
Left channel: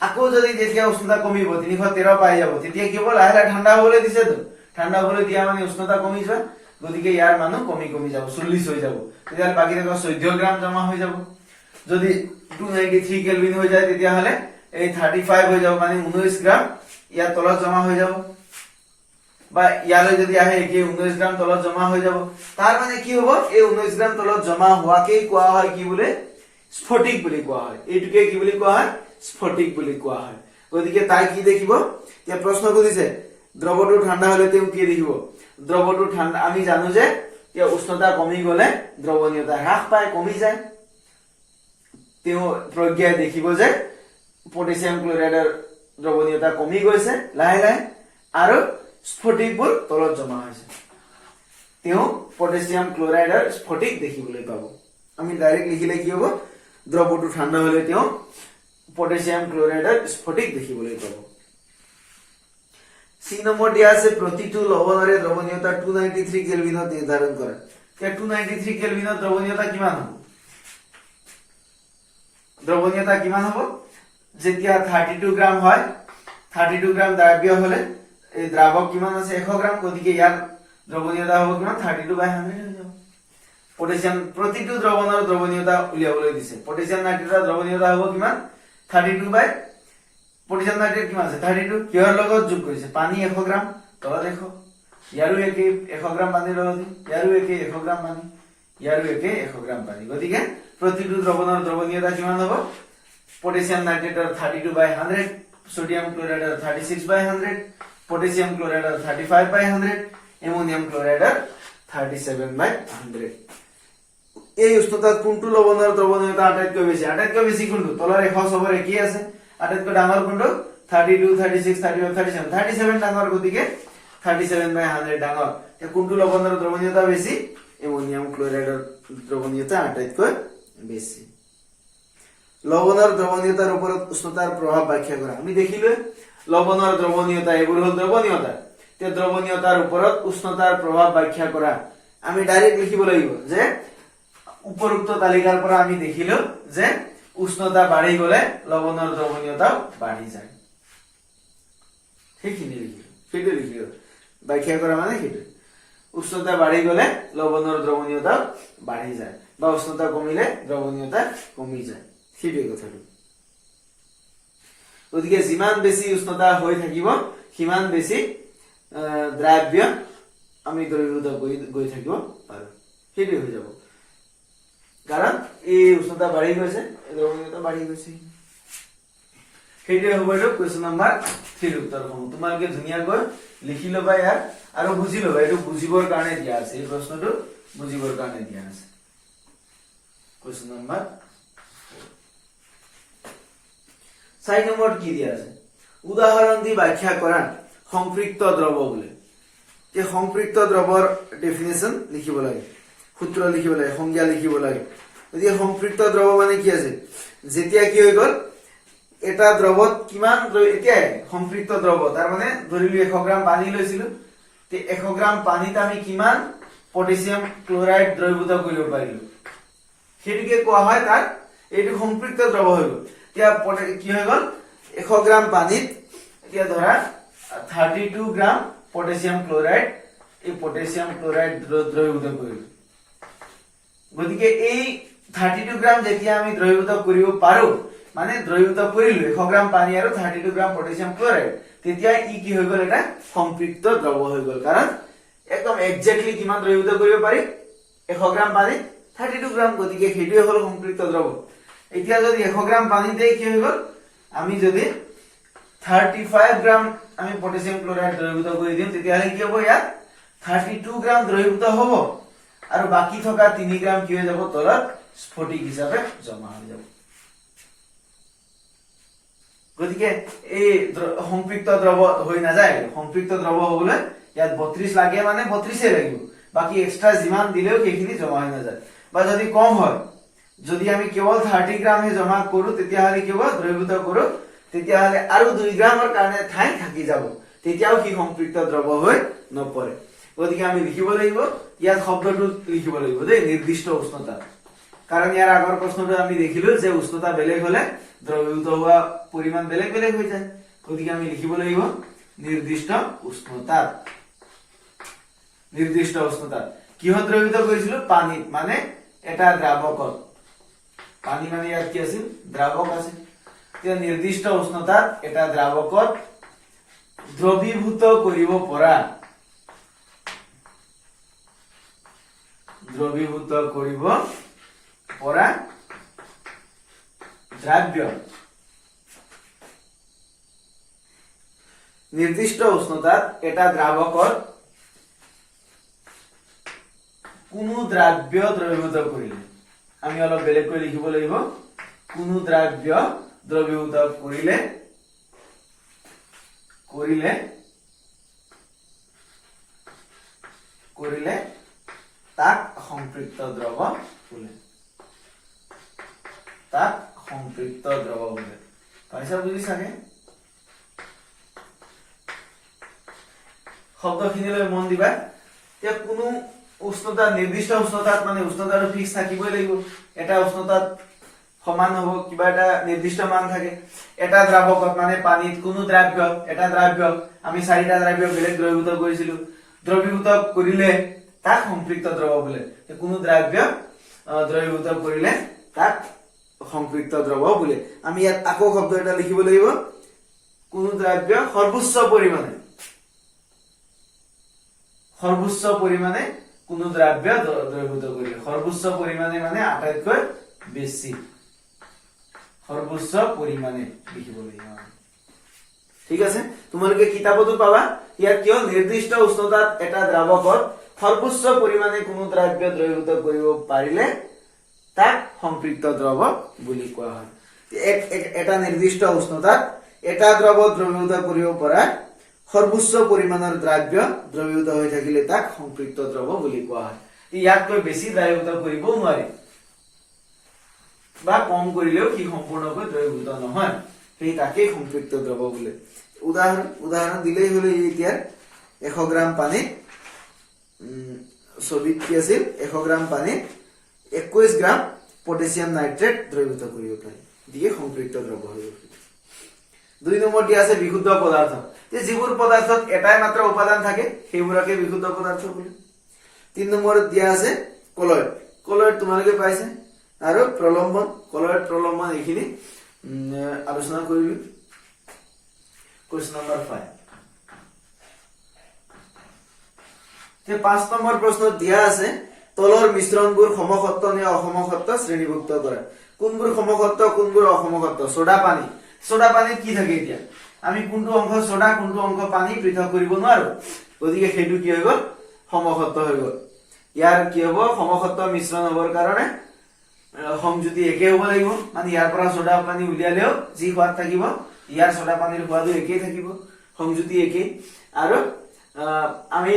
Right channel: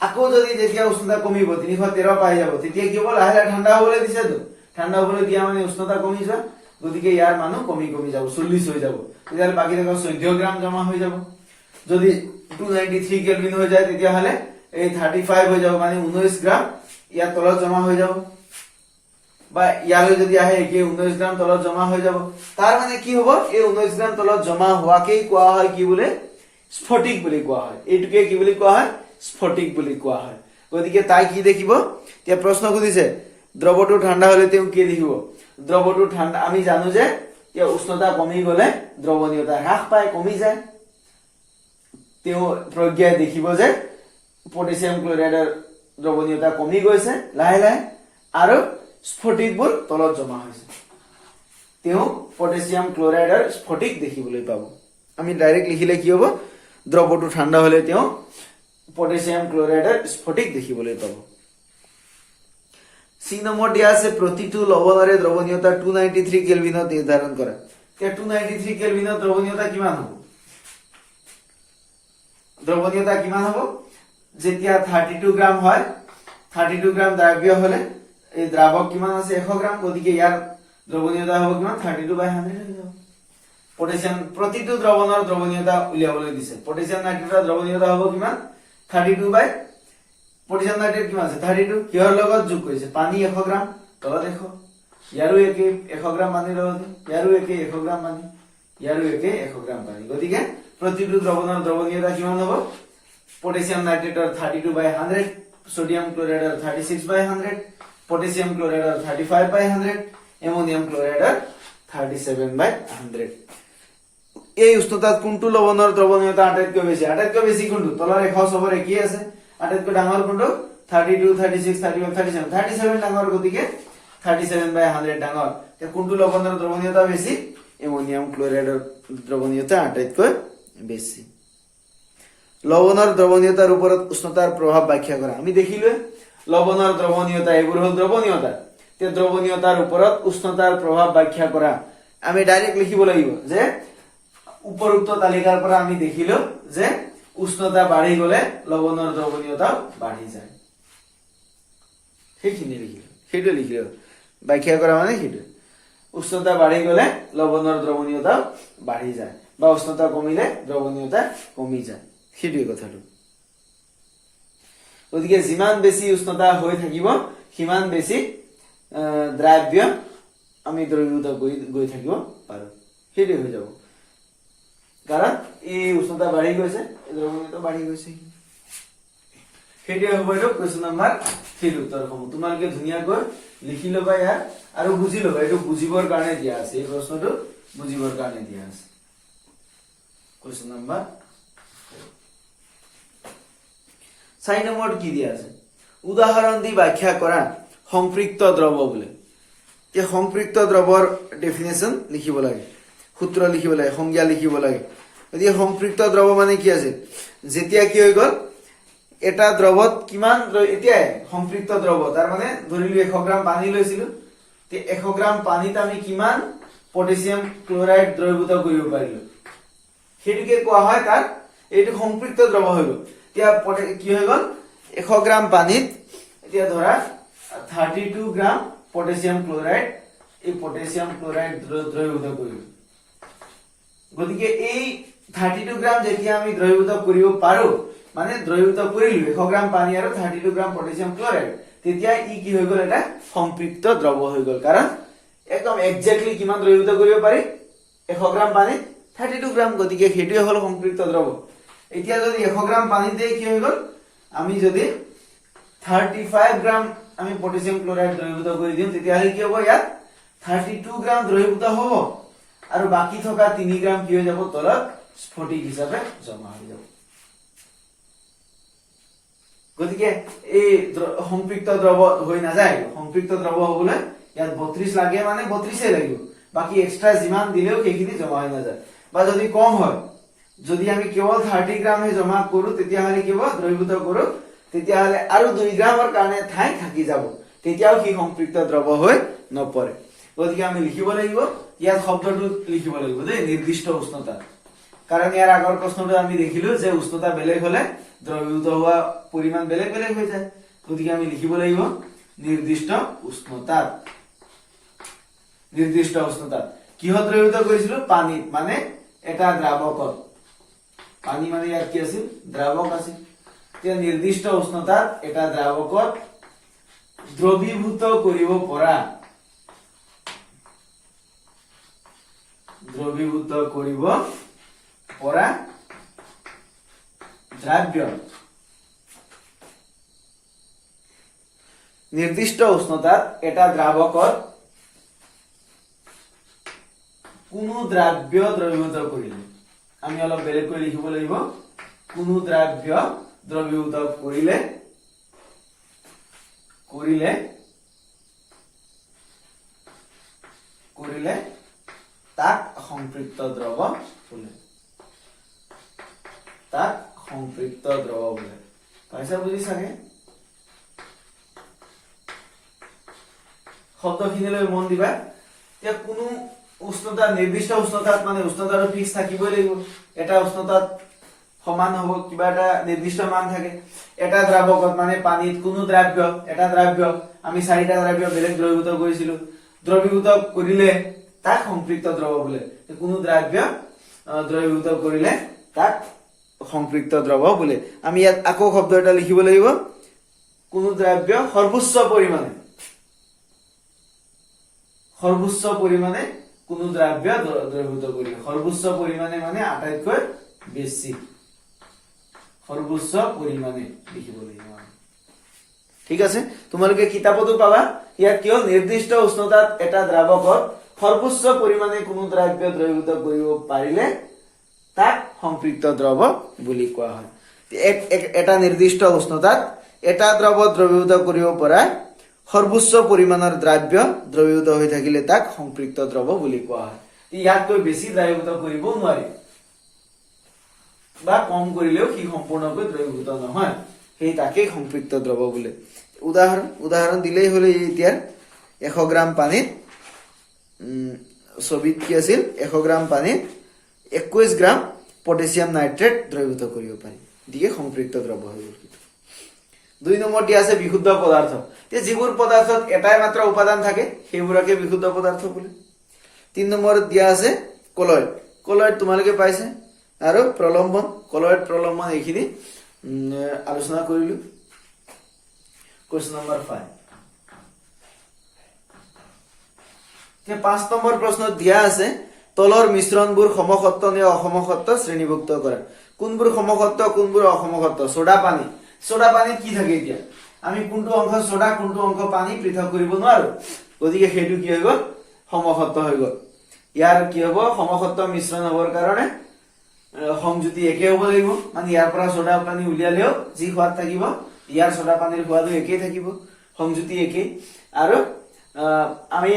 আকৌ যদি যেতিয়া উষ্ণতা কমিব 313 পাই যাব তেতিয়া কি হ'ব লাহে লাহে ঠাণ্ডা হ'বলৈ দিছে তো ঠাণ্ডা হ'বলৈ দিয়া মানে উষ্ণতা কমি যোৱা গতিকে ইয়াৰ মানো কমি কমি যাব 40 হৈ যাব তেতিয়া বাকি থকা 14 গ্ৰাম জমা হৈ যাব যদি 293 কেলভিন হৈ যায় তেতিয়াহলে এই 35 হৈ যাব মানে 19 গ্ৰাম ইয়াৰ তলত জমা হৈ যাব বা ইয়ালৈ যদি আহে কি 19 গ্ৰাম তলত জমা হৈ যাব তাৰ মানে কি হ'ব এই 19 গ্ৰাম তলত জমা হোৱাকেই কোৱা হয় কি বোলে স্ফটিক বুলি কোৱা হয় এইটোকে কি বুলি কোৱা হয় স্ফটিক বুলি কোৱা হয় গতিকে তাই কি দেখিব এতিয়া প্ৰশ্ন কৰিছে দ্ৰৱটো ঠাণ্ডা হলে তেওঁ কি দেখিব দ্ৰৱটো ঠাণ্ডা আমি জানো যে এই উষ্ণতা কমি গলে দ্ৰৱণীয়তা হ্ৰাস পায় কমি যায় তেওঁ প্ৰজ্ঞাই দেখিব যে পটাছিয়াম ক্লোৰাইডৰ দ্ৰৱণীয়তা কমি গৈছে লাহে লাহে আৰু স্ফটিকবোৰ তলত জমা হৈছে তেওঁ পটাছিয়াম ক্লোৰাইডৰ স্ফটিক দেখিবলৈ পাব আমি ডাইৰেক্ট লিখিলে কি হ'ব দ্ৰৱটো ঠাণ্ডা হলে তেওঁ পটাছিয়াম ক্লোৰাইডৰ স্ফটিক দেখিবলৈ পাব সি নম্বৰ দিয়া আছে প্ৰতিটো লৱণৰে দ্ৰৱণীয়তা 293 কেলভিনত নিৰ্ধাৰণ কৰা এতিয়া 293 কেলভিনত দ্ৰৱণীয়তা কিমান হ'ব দ্ৰৱণীয়তা কিমান হ'ব যেতিয়া 32 গ্ৰাম হয় 32 গ্ৰাম দ্ৰাব্য হলে এই দ্ৰাবক কিমান আছে 100 গ্ৰাম, গতিকে ইয়াৰ দ্ৰৱণীয়তা হ'ব কিমান 32/100 হৈ যাব। পটাছিয়াম প্ৰতিটো দ্ৰৱণৰ দ্ৰৱণীয়তা উলিয়াবলৈ দিছে। পটাছিয়াম নাইট্ৰেটৰ দ্ৰৱণীয়তা হ'ব কিমান 32 বাই পটাছিয়াম নাইট্ৰেট কিমান আছে 32, কিহৰ লগত যোগ কৰিছে পানী 100 গ্ৰাম, তলত 100, ইয়াৰো একে 100 গ্ৰাম পানীৰ লগত, ইয়াৰো একে 100 গ্ৰাম পানী, ইয়াৰো একে 100 গ্ৰাম পানী, গতিকে প্ৰতিটো দ্ৰৱণৰ দ্ৰৱণীয়তা কিমান হ'ব পটাছিয়াম নাইট্ৰেটৰ 32/100, সোডিয়াম ক্লোৰাইডৰ 36/100, পটাছিয়াম ক্লোৰাইডৰ 35/100, এমোনিয়াম ক্লোৰাইডৰ 37/100। এই উষ্ণতাত কোনটো লৱণৰ দ্ৰৱণীয়তা আটাইতকৈ বেছি? আটাইতকৈ বেছি কোনটো? তলৰ 100 সবৰ একেই আছে, আটাইতকৈ ডাঙৰ কোনটো 32, 36, 35, 37, 37 ডাঙৰ, গতিকে 37/100 ডাঙৰ। কোনটো লৱণৰ দ্ৰৱণীয়তা বেছি? এমোনিয়াম ক্লোৰাইডৰ দ্ৰৱণীয়তা আটাইতকৈ বেছি। লৱণৰ দ্ৰৱণীয়তাৰ ওপৰত উষ্ণতাৰ প্ৰভাৱ ব্যাখ্যা কৰা। আমি দেখিলো লৱণৰ দ্ৰৱণীয়তা, এইবোৰ হ'ল দ্ৰৱণীয়তা। তে দ্ৰৱণীয়তাৰ ওপৰত উষ্ণতাৰ প্ৰভাৱ ব্যাখ্যা কৰা। আমি ডাইৰেক্ট লিখিব লাগিব যে উপৰোক্ত তালিকাৰ পৰা আমি দেখিলো যে উষ্ণতা বাঢ়ি গলে লৱণৰ দ্ৰৱণীয়তা বাঢ়ি যায়। সেইখিনি লিখিলো, সেইটো লিখিলো, ব্যাখ্যা কৰা মানে সেইটো। উষ্ণতা বাঢ়ি গলে লৱণৰ দ্ৰৱণীয়তা বাঢ়ি যায়, বা উষ্ণতা কমিলে দ্ৰৱণীয়তা কমি যায়, সেইটোৱে কথাটো। গতিকে যিমান বেছি উষ্ণতা হৈ থাকিব সিমান বেছি দ্ৰাব্য আমি দ্ৰৱীভূত গৈ থাকিব পাৰো, সেইটোৱে হৈ যাব। কাৰণ এই উষ্ণতা বাঢ়ি গৈছে, দ্ৰৱণীয়তা বাঢ়ি গৈছে, সেইটোৱে হ'ব এইটো কুৱেশ্যন নম্বৰ 3 উত্তৰসমূহ। তোমালোকে ধুনীয়াকৈ লিখি ল'বা ইয়াৰ আৰু বুজি ল'বা, এইটো বুজিবৰ কাৰণে দিয়া আছে, এই প্ৰশ্নটো বুজিবৰ কাৰণে দিয়া আছে। কুৱেশ্যন নম্বৰ 4 নম্বৰত কি দিয়া আছে? উদাহৰণ দি ব্যাখ্যা কৰা সংপৃক্ত দ্ৰৱ বোলে। এই সংপৃক্ত দ্ৰৱৰ ডেফিনেশ্যন লিখিব লাগে, সূত্ৰ লিখিব লাগে, সংজ্ঞা লিখিব লাগে। গতিকে সংপৃক্ত দ্ৰৱ মানে কি আছে? যেতিয়া কি হৈ গল এটা দ্ৰৱত কিমান, এতিয়া সংপৃক্ত দ্ৰৱ তাৰ মানে ধৰিলো 100 গ্ৰাম পানী লৈছিলো, 100 গ্ৰাম পানীত আমি কিমান পটাছিয়াম ক্লোৰাইড দ্ৰৱীভূত কৰিব পাৰিলো, সেইটোকে কোৱা হয় তাৰ এইটো সংপৃক্ত দ্ৰৱ হৈ গল। এতিয়া কি হৈ গল 100 গ্ৰাম পানীত এতিয়া ধৰা 32 গ্ৰাম পটাছিয়াম ক্লোৰাইড, এই পটাছিয়াম ক্লোৰাইড দ্ৰৱীভূত কৰিলো। গতিকে এই 32 গ্ৰাম যেতিয়া আমি দ্ৰৱীভূত কৰিব পাৰো, মানে দ্ৰৱীভূত কৰিলো 100 গ্ৰাম পানী আৰু 32 গ্ৰাম পটাছিয়াম ক্লোৰাইড, তেতিয়া ই কি হৈ গল এটা সংপৃক্ত দ্ৰৱ হৈ গল। কাৰণ একদম একজেক্টলি কিমান দ্ৰৱীভূত কৰিব পাৰি 100 গ্ৰাম পানীত 32 গ্ৰাম, গতিকে সেইটোৱে হল সংপৃক্ত দ্ৰৱ। এতিয়া যদি 100 গ্ৰাম পানীতে কি হৈ গল, আমি যদি 35 গ্ৰাম আমি পটাছিয়াম ক্লোৰাইড দ্ৰৱীভূত কৰি দিম, তেতিয়াহলে কি হ'ব ইয়াত 32 গ্ৰাম দ্ৰৱীভূত হ'ব আৰু বাকি থকা 3 গ্ৰাম কি হৈ যাব তলত স্ফটিক হিচাপে জমা হৈ যাব। গতিকে এই সংপৃক্ত দ্ৰৱ হৈ নাযায়, সংপৃক্ত দ্ৰৱ হবলৈ ইয়াত 32 লাগে মানে 32 লাগিব, বাকি এক্সট্ৰা যিমান দিলেও সেইখিনি জমা হৈ নাযায়। বা যদি কম হয়, যদি আমি কেৱল 30 গ্ৰামহে জমা কৰো, তেতিয়াহলে কি হ'ব দ্ৰৱীভূত কৰো, তেতিয়াহলে আৰু 2 গ্ৰামৰ কাৰণে ঠাই থাকি যাব, তেতিয়াও কি সংপৃক্ত দ্ৰৱ হৈ নপৰে। গতিকে আমি লিখিব লাগিব, ইয়াত শব্দটো লিখিব লাগিব দেই, নিৰ্দিষ্ট উষ্ণতা। কাৰণ ইয়াৰ আগৰ প্ৰশ্নটো আমি দেখিলো যে উষ্ণতা বেলেগ হলে দ্ৰৱীভূত হোৱা পৰিমাণ বেলেগ বেলেগ হৈ যায়। গতিকে আমি লিখিব লাগিব নিৰ্দিষ্ট উষ্ণতাত। নিৰ্দিষ্ট উষ্ণতাত কিহত দ্ৰৱীভূত কৰিছিলো? পানীত, মানে এটা দ্ৰাৱকত। পানী মানে ইয়াত কি আছিল? দ্ৰাৱক আছিল। এতিয়া নিৰ্দিষ্ট উষ্ণতাত এটা দ্ৰাৱকত দ্ৰৱীভূত কৰিব পৰা, দ্ৰৱীভূত কৰিব পৰা দ্ৰাব্য, নিৰ্দিষ্ট উষ্ণতাত এটা দ্ৰাৱকত কোনো দ্ৰাব্য দ্ৰৱীভূত কৰিলে, আমি অলপ বেলেগকৈ লিখিব লাগিব, কোনো দ্ৰাব্য দ্ৰৱীভূত কৰিলে তাক সংপৃক্ত দ্ৰৱ বোলে, তাক সংপৃক্ত দ্ৰৱ বোলে। পাইছা বুজি চাগে? শব্দখিনিলৈ মন দিবা। এতিয়া কোনো উষ্ণতা, নিৰ্দিষ্ট উষ্ণতাত মানে উষ্ণতাটো ফিক্স থাকিবই লাগিব। এটা উষ্ণতাত সমান হব কিবা এটা নিৰ্দিষ্ট মান থাকে এটা দ্ৰাৱকত মানে পানীত কোনো দ্ৰব্য এটা দ্ৰব্য আমি চাৰিটা দ্ৰব্য বেলেগ দ্ৰৱীভূত কৰিছিলো দ্ৰৱীভূত কৰিলে তাক সম্পৃক্ত দ্ৰৱ বোলে কোনো দ্ৰব্য দ্ৰৱীভূত কৰিলে তাক সম্পৃক্ত দ্ৰৱ বোলে আমি ইয়াত আকৌ শব্দ এটা লিখিব লাগিব কোনো দ্ৰব্য সৰ্বোচ্চ পৰিমাণে কোনো দ্ৰব্য দ্ৰৱীভূত কৰিলে সৰ্বোচ্চ পৰিমাণে মানে আটাইতকৈ বেছি সৰ্বোচ্চ পৰিমাণে লিখিব লাগিব ঠিক আছে তোমালোকে কিতাপতো পাবা ইয়াত কিয় নিৰ্দিষ্ট উষ্ণতাত এটা দ্ৰাৱকত সৰ্বোচ্চ পৰিমাণে কোনো দ্ৰব্য দ্ৰৱীভূত কৰিব পাৰিলে তাক সম্পৃক্ত দ্ৰৱ বুলি কোৱা হয় এটা নিৰ্দিষ্ট উষ্ণতাত এটা দ্ৰৱ দ্ৰৱীভূত কৰিব পৰা সৰ্বোচ্চ পৰিমাণৰ দ্ৰব্য দ্ৰৱীভূত হৈ থাকিলে তাক সম্পৃক্ত দ্ৰৱ বুলি কোৱা হয় ইয়াতকৈ বেছি দ্ৰৱীভূত কৰিব নোৱাৰি বা কম কৰিলেও কি সম্পূৰ্ণকৈ দ্ৰৱীভূত নহয় সেই তাকেই সম্পৃক্ত দ্ৰৱ বোলে উদাহৰণ দিলেই হলে এতিয়া 100 গ্ৰাম পানীত ছবিত কি আছিল 100 গ্ৰাম পানীত 21 গ্ৰাম পটাছিয়াম নাইট্ৰেট দ্ৰৱীভূত কৰিব পাৰি দিকে সম্পৃক্ত দ্ৰৱ হৈ গ'ল 2 নম্বৰ দিয়া আছে বিশুদ্ধ পদাৰ্থ তে যিবোৰ পদাৰ্থত এটাই মাত্ৰ উপাদান থাকে সেইবোৰকে বিশুদ্ধ পদাৰ্থ বোলে 3 নম্বৰত দিয়া আছে কলয়ড তোমালোকে পাইছে আৰু প্ৰলম্বন কলয়ড প্ৰলম্বন এইখিনি আলোচনা কৰিলো কোৱেশ্চন নম্বৰ 5 তে 5 নম্বৰ প্ৰশ্নত দিয়া আছে তলৰ মিশ্ৰণবোৰ সমসত্ব নে অসমসত্ব শ্ৰেণীভুক্ত কৰা কোনবোৰ সমসত্ব কোনবোৰ অসমসত্ব সোডা পানীত কি থাকে এতিয়া আমি কোনটো অংশ সোডা কোনটো অংশ পানী পৃথক কৰিব নোৱাৰো গতিকে হেতু কি হৈ গল সমসত্ব হৈ গল ইয়াৰ কি হ'ব সমসত্ব মিশ্ৰণ হ'বৰ কাৰণে সংযুতি একে হ'ব লাগিব মানে ইয়াৰ পৰা সোডা পানী উলিয়ালেও যি সোৱাদ থাকিব ইয়াৰ সোডা পানীৰ সোৱাদো একে থাকিব সংযুতি একে আৰু আমি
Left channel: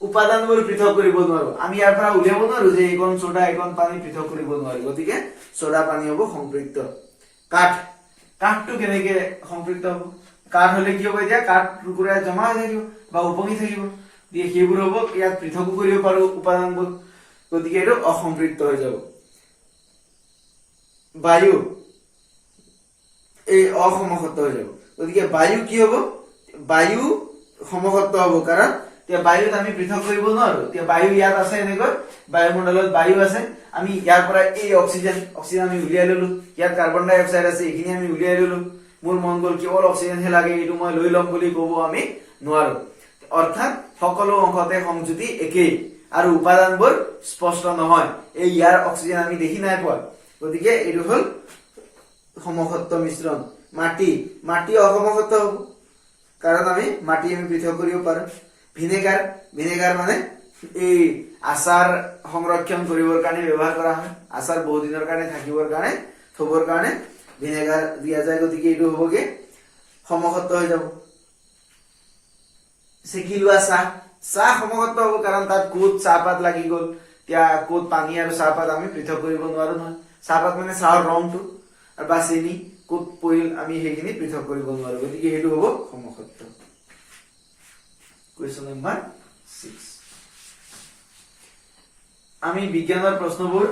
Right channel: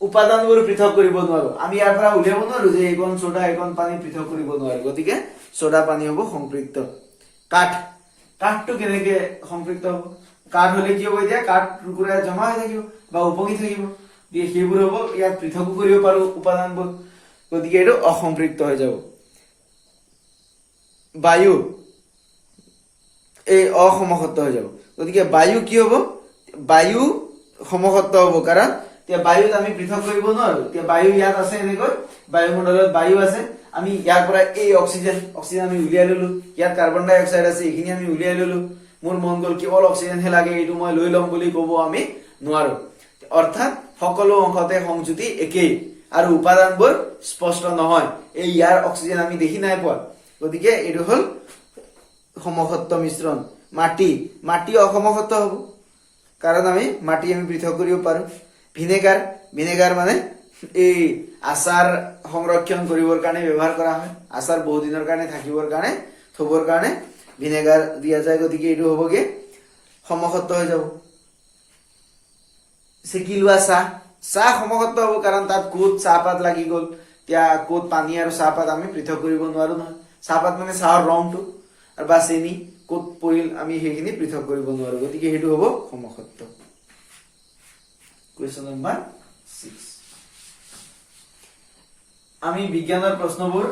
উপাদানবোৰ পৃথক কৰিব নোৱাৰো আমি ইয়াৰ পৰা উলিয়াব নোৱাৰো যে এইকণ সোডা এইকণ পানী পৃথক কৰিব নোৱাৰো গতিকে সোডা পানী হ'ব সম্পৃক্ত কাঠটো কেনেকে সম্পৃক্ত হ'ব কাঠ হলে কি হ'ব এতিয়া কাঠ টুকুৰা জমা হৈ থাকিব বা উপঙি থাকিব দিয়ে সেইবোৰ হ'ব ইয়াত পৃথক কৰিব পাৰো উপাদানবোৰ গতিকে এইটো অসম্পৃক্ত হৈ যাব বায়ু এই অসমসত্ব হৈ যাব গতিকে বায়ু কি হ'ব বায়ু সমসত্ব হ'ব কাৰণ এতিয়া বায়ুত আমি পৃথক কৰিব নোৱাৰো এতিয়া বায়ু ইয়াত আছে এনেকৈ বায়ুমণ্ডলত বায়ু আছে আমি ইয়াৰ পৰা এই অক্সিজেন আমি উলিয়াই ললো ইয়াত কাৰ্বন ডাই অক্সাইড আছে এইখিনি আমি উলিয়াই ললো মোৰ মন গল কেৱল অক্সিজেন হে লাগে এইটো মই লৈ লম বুলি ক'ব আমি নোৱাৰো অৰ্থাৎ সকলো অংশতে সংযুতি একেই আৰু উপাদানবোৰ স্পষ্ট নহয় এই ইয়াৰ অক্সিজেন আমি দেখি নাই পোৱা গতিকে এইটো হল সমসত্ব মিশ্ৰণ মাটি অসমসত্ব হ'ব কাৰণ আমি মাটি আমি পৃথক কৰিব পাৰো ভিনেগাৰ মানে এই আচাৰ সংৰক্ষণ কৰিবৰ কাৰণে ব্যৱহাৰ কৰা হয় আচাৰ বহু দিনৰ কাৰণে থাকিবৰ কাৰণে থবৰ কাৰণে ভিনেগাৰ দিয়া যায় গতিকে এইটো হ'বগে সমসত্ব হৈ যাব সেকিলোৱা চাহ সমসত্ব হ'ব কাৰণ তাত কোট চাহপাত লাগি গ'ল এতিয়া কোট পানী আৰু চাহপাত আমি পৃথক কৰিব নোৱাৰো নহয় চাহপাত মানে চাহৰ ৰংটো আৰু বা চেনি কোট পৰিল আমি সেইখিনি পৃথক কৰিব নোৱাৰো গতিকে সেইটো হ'ব সমসত্ব Question number 6 আমি বিজ্ঞানৰ প্ৰশ্নবোৰ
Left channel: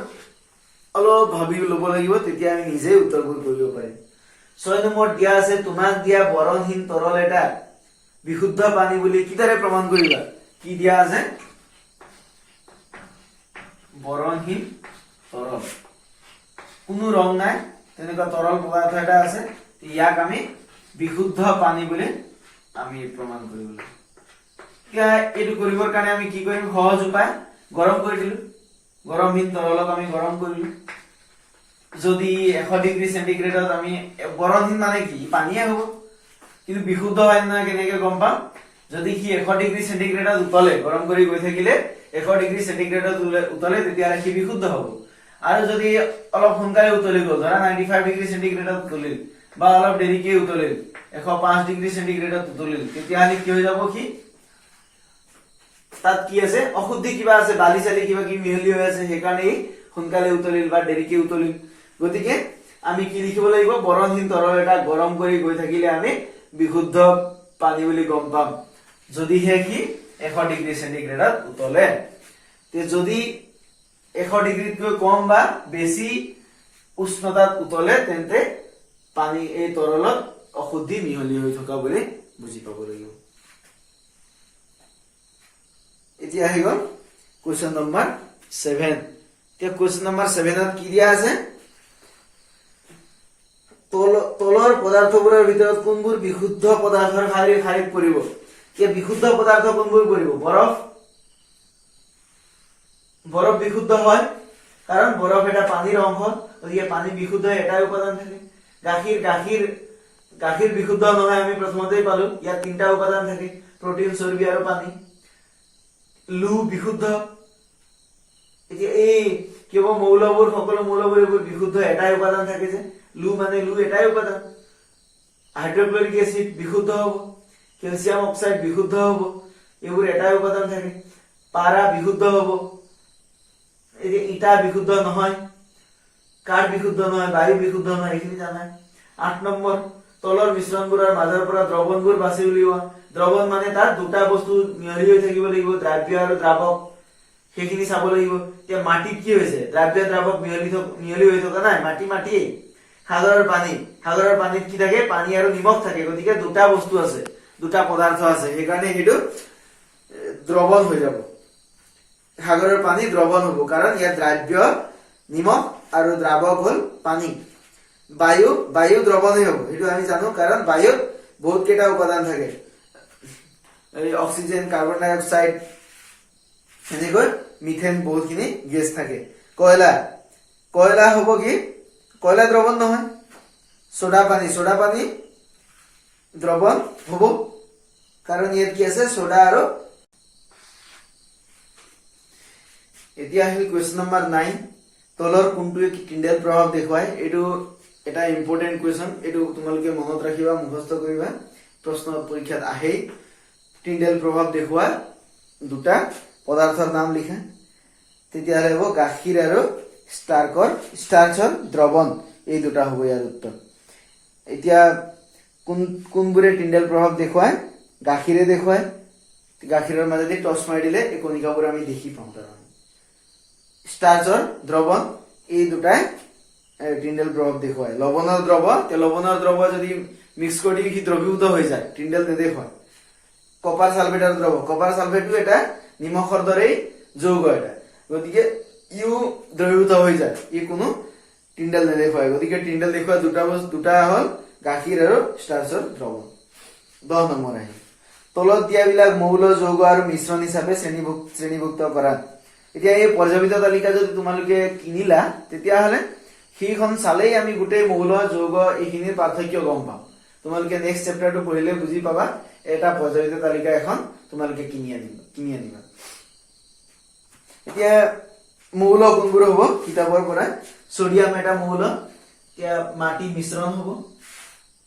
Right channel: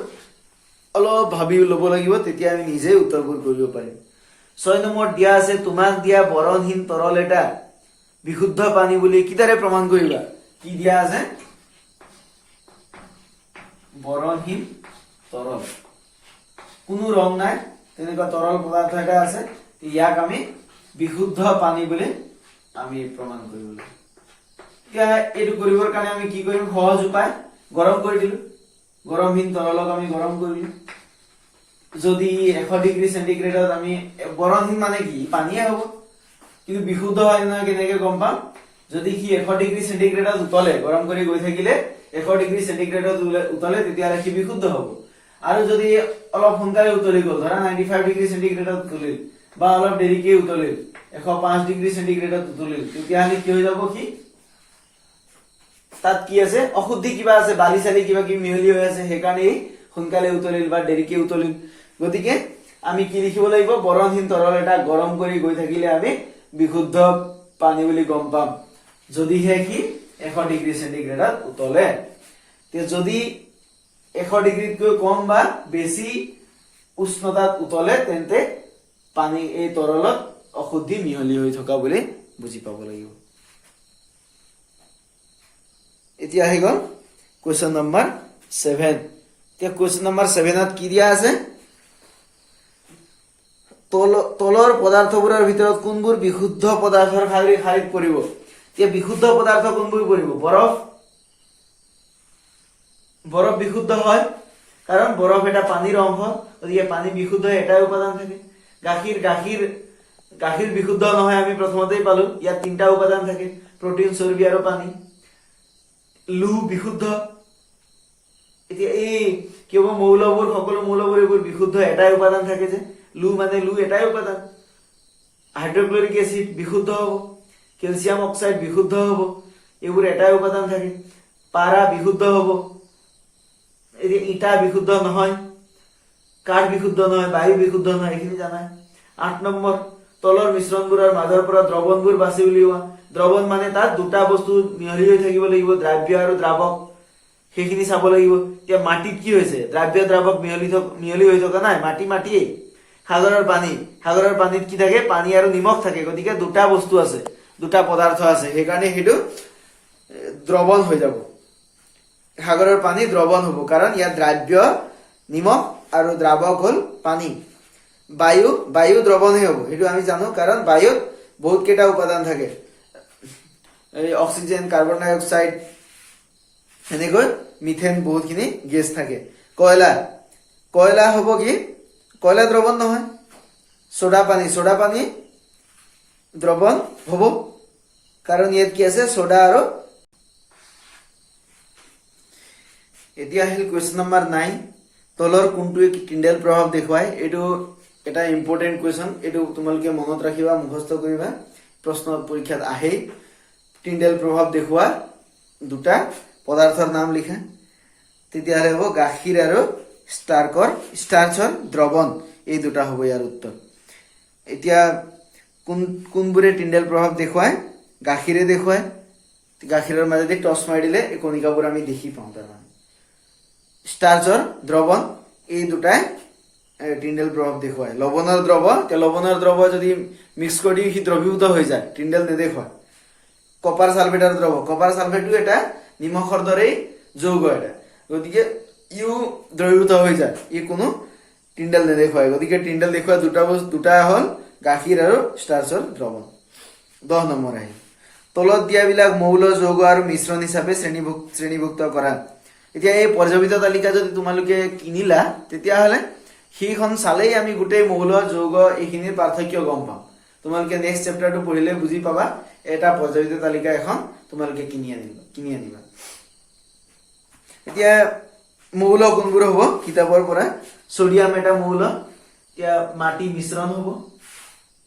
অলপ ভাবি ল'ব লাগিব তেতিয়া আমি নিজে উত্তৰবোৰ কৰিব পাৰিম 6 নম্বৰ দিয়া আছে তোমাক দিয়া বৰণহীন তৰল এটা বিশুদ্ধ পানী বুলি কিদাৰে প্ৰমাণ কৰিবা কি দিয়া আছে বৰণহীন তৰল কোনো ৰং নাই তেনেকুৱা তৰল পদাৰ্থ এটা আছে ইয়াক আমি বিশুদ্ধ পানী বুলি আমি প্ৰমাণ কৰিব লাগিব এইটো কৰিবৰ কাৰণে আমি কি কৰিম সহজ উপায় গৰম কৰি দিলো গৰমহীন তৰলক আমি গৰম কৰিলো যদি 100 ডিগ্ৰী সেন্টিগ্ৰেডত আমি বৰণহীন মানে কি পানীয়ে হ'ব কিন্তু বিশুদ্ধ হয় না কেনেকে গম পাম যদি কি 100 ডিগ্ৰী সেন্টিগ্ৰেডত উতলে গৰম কৰি গৈ থাকিলে 100 ডিগ্ৰী সেন্টিগ্ৰেডত উতলে তেতিয়া কি বিশুদ্ধ হ'ব আৰু যদি অলপ সোনকালে উতলি গ'ল ধৰা 95 ডিগ্ৰী সেন্টিগ্ৰেডত উতলিল বা অলপ দেৰিকৈ উতলিল 105 ডিগ্ৰী সেন্টিগ্ৰেডত উতলিল তেতিয়া কি হৈ যাব কি তাত কি আছে অশুদ্ধি কিবা আছে বালি চালি কিবা কি মিহলি হৈ আছে হেকাৰণে সোনকালে উতলিল বা দেৰিকৈ উতলিল গতিকে আমি কি লিখিব লাগিব বৰণহীন তৰল এটা গৰম কৰি গৈ থাকিলে আমি বিশুদ্ধ পানী বুলি গম পাম যদিহে কি 100 ডিগ্ৰী সেন্টিগ্ৰেডত উতলে তে যদি 100 ডিগ্ৰীতকৈ কম বা বেছি উষ্ণতাত উতলে তেন্তে পানী এই তৰলত অশুদ্ধি মিহলি হৈ থকা বুলি বুজি পাব লাগিব। এতিয়া আহি গ'ল কুৱেশ্যন নম্বৰ 7। এতিয়া কুৱেশ্যন নম্বৰ 7ত কি দিয়া আছে? তলৰ পদাৰ্থবোৰৰ ভিতৰত কোনবোৰ বিশুদ্ধ পদাৰ্থৰ শাৰীত পৰিব? এতিয়া বিশুদ্ধ পদাৰ্থ কোনবোৰ পৰিব? বৰফ বিশুদ্ধ হয়, কাৰণ বৰফ এটা পানীৰ অংশ, গতিকে পানী বিশুদ্ধ এটাই উপাদান থাকে। গাখীৰ বিশুদ্ধ নহয়, আমি প্ৰথমতেই পালো, ইয়াত 3টা উপাদান থাকে, প্ৰটিন, চৰ্বি আৰু পানী। লু বিশুদ্ধ। এতিয়া এই কেৱল মৌলবোৰ, সকলো মৌলবোৰ এইবোৰ বিশুদ্ধ, এটাই উপাদান থাকে যে লু এটাই উপাদান। হাইড্ৰক্লৰিক এচিড বিশুদ্ধ হ'ব, কেলছিয়াম অক্সাইড বিশুদ্ধ হ'ব, এইবোৰ এটাই উপাদান থাকে। পাৰা বিশুদ্ধ হ'ব, ইটা বিশুদ্ধ নহয়, কাঠ বিশুদ্ধ নহয়, বায়ু বিশুদ্ধ নহয়, এইখিনি জানাই। 8 নম্বৰ, তলৰ মিশ্ৰণবোৰৰ মাজৰ পৰা দ্ৰৱণবোৰ বাছি উলিওৱা। দ্ৰৱণ মানে তাত 2টা বস্তু মিহলি হৈ থাকিব লাগিব, দ্ৰাব্য আৰু দ্ৰাৱক, সেইখিনি চাব লাগিব। এতিয়া মাটিত কি হৈছে? দ্ৰাব্য দ্ৰাৱক মিহলি হৈ থকা নাই, মাটিয়েই। সাগৰৰ পানীত কি থাকে? পানী আৰু নিমখ থাকে, গতিকে 2টা বস্তু আছে, 2টা পদাৰ্থ আছে, সেইকাৰণে সেইটো দ্ৰৱণ হৈ যাব। সাগৰৰ পানী দ্ৰৱণ হ'ব, কাৰণ ইয়াত দ্ৰাব্য নিমখ আৰু দ্ৰাৱক হ'ল পানী। বায়ু দ্ৰৱণেই হ'ব, সেইটো আমি জানো, কাৰণ বায়ুত বহুত কেইটা উপাদান থাকে, এই অক্সিজেন, কাৰ্বন ডাই অক্সাইড, এনেকৈ মিথেন, বহুতখিনি গেছ থাকে। কয়লা হ'ব কি? কয়লা দ্ৰৱণ নহয়। সোডা পানী দ্ৰৱণ হ'ব, কাৰণ ইয়াত কি আছে? সোডা আৰু। এতিয়া আহিল কুৱেশ্যন নম্বৰ 9। তলৰ কোনটোৱে টিণ্ডেল প্ৰভাৱ দেখুৱায়? এইটো এটা ইম্পৰ্টেণ্ট কুৱেশ্যন, এইটো তোমালোকে মনত ৰাখিবা, মুখস্থ কৰিবা, প্ৰশ্ন পৰীক্ষাত আহেই। টিণ্ডেল প্ৰভাৱ দেখুওৱা 2টা পদাৰ্থৰ নাম লিখা, তেতিয়াহ'লে হ'ব গাখীৰ আৰু ষ্টাৰ্চৰ দ্ৰৱণ, এই 2টা হ'ব ইয়াৰ উত্তৰ। এতিয়া কোনবোৰে টিণ্ডেল প্ৰভাৱ দেখুৱায়? গাখীৰে দেখুৱায়, গাখীৰৰ মাজেদি টচ মাৰি দিলে এই কণিকাবোৰ আমি দেখি পাওঁ। তাৰমানে ষ্টাৰ্চৰ দ্ৰৱণ, এই 2টাই টিণ্ডেল প্ৰভাৱ দেখুৱায়। লৱণৰ দ্ৰৱ যদি মিক্স কৰি সি দ্ৰৱীভূত হৈ যায়, টিণ্ডেল নেদেখুৱায়। কপাৰ ছালফেটটো এটা নিমখৰ দৰেই যৌগ এটা, গতিকে ইও দ্ৰৱীভূত হৈ যায়, ই কোনো টিণ্ডেল নেদেখুৱায়। গতিকে টিণ্ডেল দেখুওৱা 2টা হ'ল গাখীৰ আৰু ষ্টাৰ্চৰ দ্ৰৱণ। 10 নম্বৰ আহিল, তলত দিয়াবিলাক মৌল, যৌগ আৰু মিশ্ৰণ হিচাপে শ্ৰেণীভুক্ত কৰা। এতিয়া এই পৰ্যাপিত তালিকা যদি তোমালোকে কিনিলা, তেতিয়াহ'লে সেইখন চালেই আমি গোটেই মৌল, যৌগ এইখিনিৰ পাৰ্থক্য গম পাম। তোমালোকে নেক্সট চেপ্টাৰটো পঢ়িলে বুজি পাবা। এটা পৰ্যাপিত তালিকা এখন তোমালোকে কিনি আনিবা। এতিয়া মৌল কোনবোৰ হ'ব কিতাপৰ পৰা? সোডিয়াম এটা মৌল, এতিয়া মাটি মিশ্ৰণ হ'ব।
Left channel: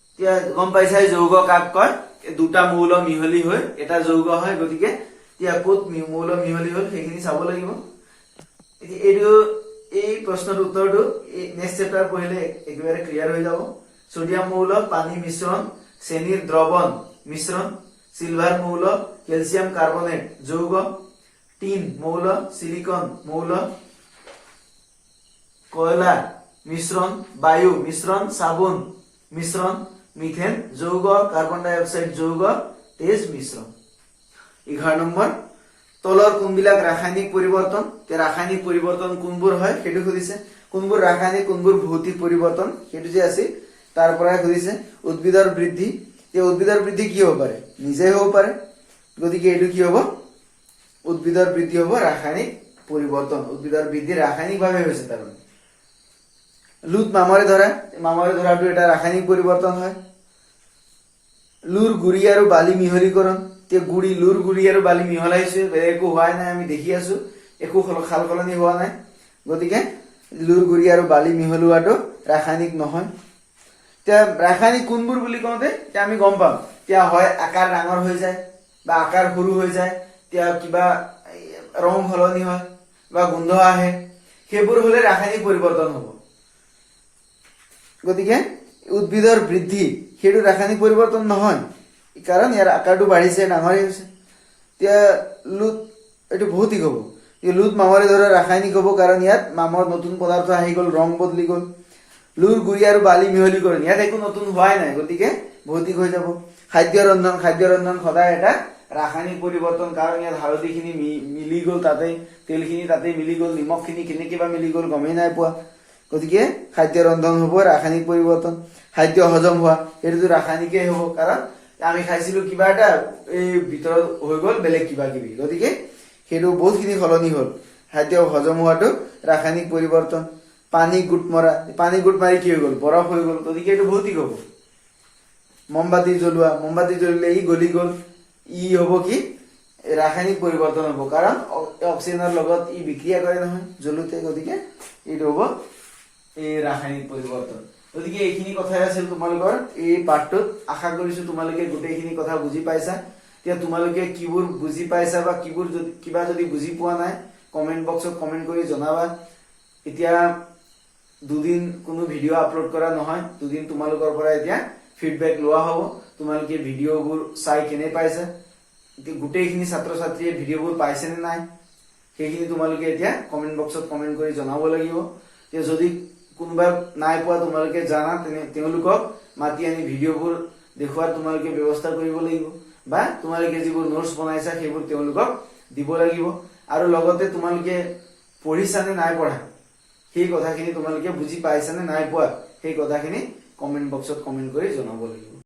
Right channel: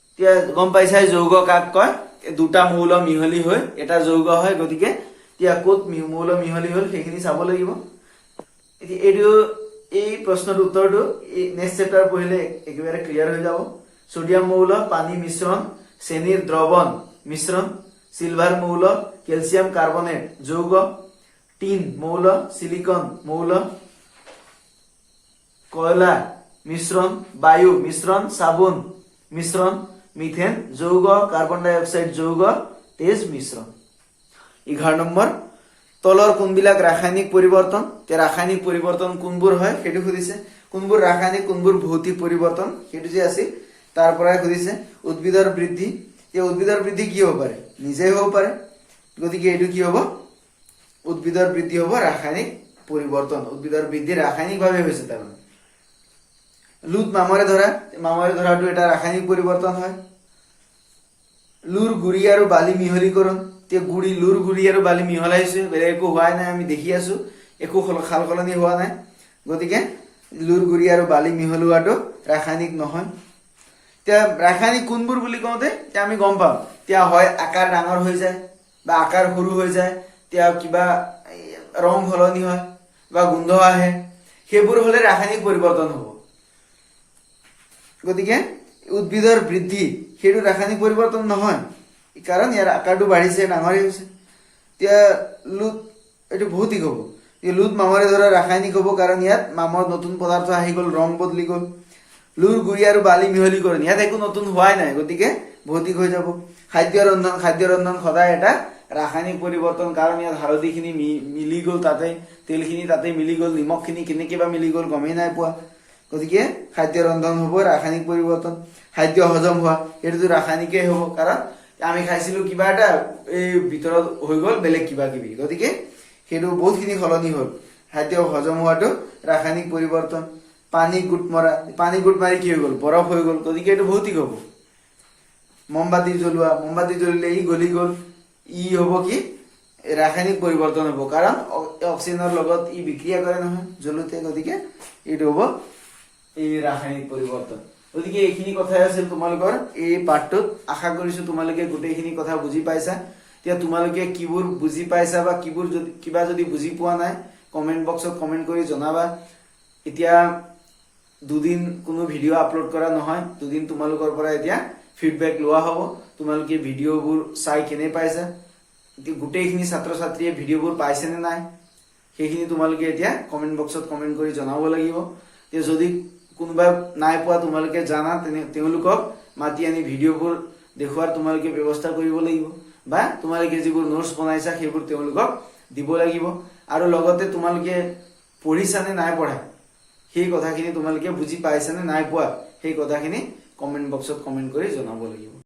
এতিয়া গম পাইছাই যৌগ কাক কয়? 2টা মৌল মিহলি হৈ এটা যৌগ হয়, গতিকে এতিয়া ক'ত মৌল মিহলি হ'ল সেইখিনি চাব লাগিব। এতিয়া এই প্ৰশ্নৰ উত্তৰটো নেক্সট চেপ্টাৰ পঢ়িলে একেবাৰে ক্লিয়াৰ হৈ যাব। সোডিয়াম মৌল পানী মিশ্ৰণ, চেনিৰ দ্ৰৱণ মিশ্ৰণ, সিলভাৰ মৌল কেলছিয়াম কাৰ্বনেট যৌগ, টিন মৌল সিলিকন মৌল, কয়লা মিশ্রণ, বায়ু মিশ্রণ, সাবুন মিশ্রণ, মিথেন যৌগ, কার্বন ডাই অক্সাইড যৌগ, তেজ মিশ্রণ। 11 নম্বৰ, তলৰ কোনবিলাক ৰাসায়নিক পৰিৱৰ্তন? ৰাসায়নিক পৰিৱৰ্তন কোনবোৰ হয় সেইটো সুধিছে। কোনবোৰ ৰাসায়নিক, কোনবোৰ ভৌতিক পৰিৱৰ্তন সেইটো যে আছিল তাৰ পৰাই সুধিছে। উদ্ভিদৰ বৃদ্ধি, এই উদ্ভিদৰ বৃদ্ধি কি হ'ব পাৰে? নিজেই হ'ব পাৰে, গতিকে এইটো কি হ'ব? উদ্ভিদৰ বৃদ্ধি হ'ব ৰাসায়নিক পৰিৱৰ্তন। উদ্ভিদৰ বৃদ্ধি ৰাসায়নিকভাৱে হৈছে। তাৰমানে লুট মামৰে ধৰাটো এটা ৰাসায়নিক পৰিৱৰ্তন হয়। লুৰ গুৰি আৰু বালি মিহলীকৰণ, লুৰ গুৰি আৰু বালি মিহলাইছে, বেলেগ একো হোৱাই নাই, আমি দেখি আছো, একো সাল সলনি হোৱা নাই, গতিকে লুৰ গুৰি আৰু বালি মিহলোৱাটো ৰাসায়নিক নহয়। এতিয়া ৰাসায়নিক কোনবোৰ বুলি কওঁতে এতিয়া আমি গম পাম, এতিয়া হয় আকাৰ ডাঙৰ হৈ যায় বা আকাৰ সৰু হৈ যায়, এতিয়া কিবা ৰং সলনি হয় বা গোন্ধ আহে, সেইবোৰ হলে ৰাসায়নিক পৰিৱৰ্তন হ'ব। গতিকে উদ্ভিদৰ বৃদ্ধি সেইটো ৰাসায়নিক পৰিৱৰ্তন নহয়, কাৰণ ইয়াৰ আকাৰটো বাঢ়িছে, ডাঙৰ হৈছে। এতিয়া লুট এইটো ভৌতিক হ'ব। লুট মামৰে ধৰা ৰাসায়নিক হ'ব, কাৰণ ইয়াত মামৰ নতুন পদাৰ্থ আহি গ'ল, ৰং বদলি গ'ল। লুৰ গুৰি আৰু বালি মিহলীকৰণ ইয়াত একো নতুন হোৱাই নাই, গতিকে ভৌতিক হৈ যাব। খাদ্য ৰন্ধন সদায় এটা ৰাসায়নিক পৰিৱৰ্তন, কাৰণ ইয়াত হালধিখিনি মিলি গ'ল তাতে, তেলখিনি তাতে মিলি গ'ল, নিমখখিনি কেনেকে বা মিলি গ'ল গমেই নাই পোৱা, গতিকে খাদ্য ৰন্ধন হ'ব ৰাসায়নিক পৰিৱৰ্তন। খাদ্য হজম হোৱা সেইটোতো ৰাসায়নিকেই হ'ব, কাৰণ আমি খাইছিলো কিবা এটা, এই ভিতৰত হৈ গ'ল বেলেগ কিবা কিবি, গতিকে সেইটো বহুতখিনি সলনি হ'ল। খাদ্য হজম হোৱাটো ৰাসায়নিক পৰিৱৰ্তন। পানী গোট মাৰি কি হৈ গ'ল, বৰফ হৈ গ'ল, গতিকে এইটো ভৌতিক হ'ব। মমবাতি জ্বলিলে ই গলি গ'ল, ই হ'ব কি ৰাসায়নিক পৰিৱৰ্তন হ'ব, কাৰণ অক্সিজেনৰ লগত ই বিক্ৰিয়া কৰে নহয় জ্বলোতে, গতিকে এইটো হ'ব এই ৰাসায়নিক পৰিৱৰ্তন। গতিকে এইখিনি কথাই আছিল তোমালোকৰ এই পাঠটোত। আশা কৰিছো তোমালোকে গোটেইখিনি কথা বুজি পাইছা। এতিয়া তোমালোকে কিবোৰ বুজি পাইছা বা কিবা যদি বুজি পোৱা নাই কমেন্ট বক্সত কমেন্ট কৰি জনাবা। এতিয়া দুদিন কোনো ভিডিঅ' আপলোড কৰা নহয়, দুদিন তোমালোকৰ পৰা এতিয়া ফিডবেক লোৱা হ'ব, তোমালোকে ভিডিঅ'বোৰ চাই কেনে পাইছা, গোটেইখিনি ছাত্ৰ ছাত্ৰীয়ে ভিডিঅ'বোৰ পাইছে নে নাই সেইখিনি তোমালোকে এতিয়া কমেন্ট বক্সত কমেন্ট কৰি জনাব লাগিব। যদি কোনোবাই নাই পোৱা তোমালোকে জানা, তেওঁলোকক মাতি আনি ভিডিঅ'বোৰ দেখুৱাৰ তোমালোকে ব্যৱস্থা কৰিব লাগিব, বা তোমালোকে যিবোৰ নোটছ বনাইছা সেইবোৰ তেওঁলোকক দিব লাগিব। আৰু লগতে তোমালোকে পঢ়িছা নে নাই পঢ়া সেই কথাখিনি, তোমালোকে বুজি পাইছা নে নাই পোৱা সেই কথাখিনি কমেন্ট বক্সত কমেন্ট কৰি জনাব লাগিব।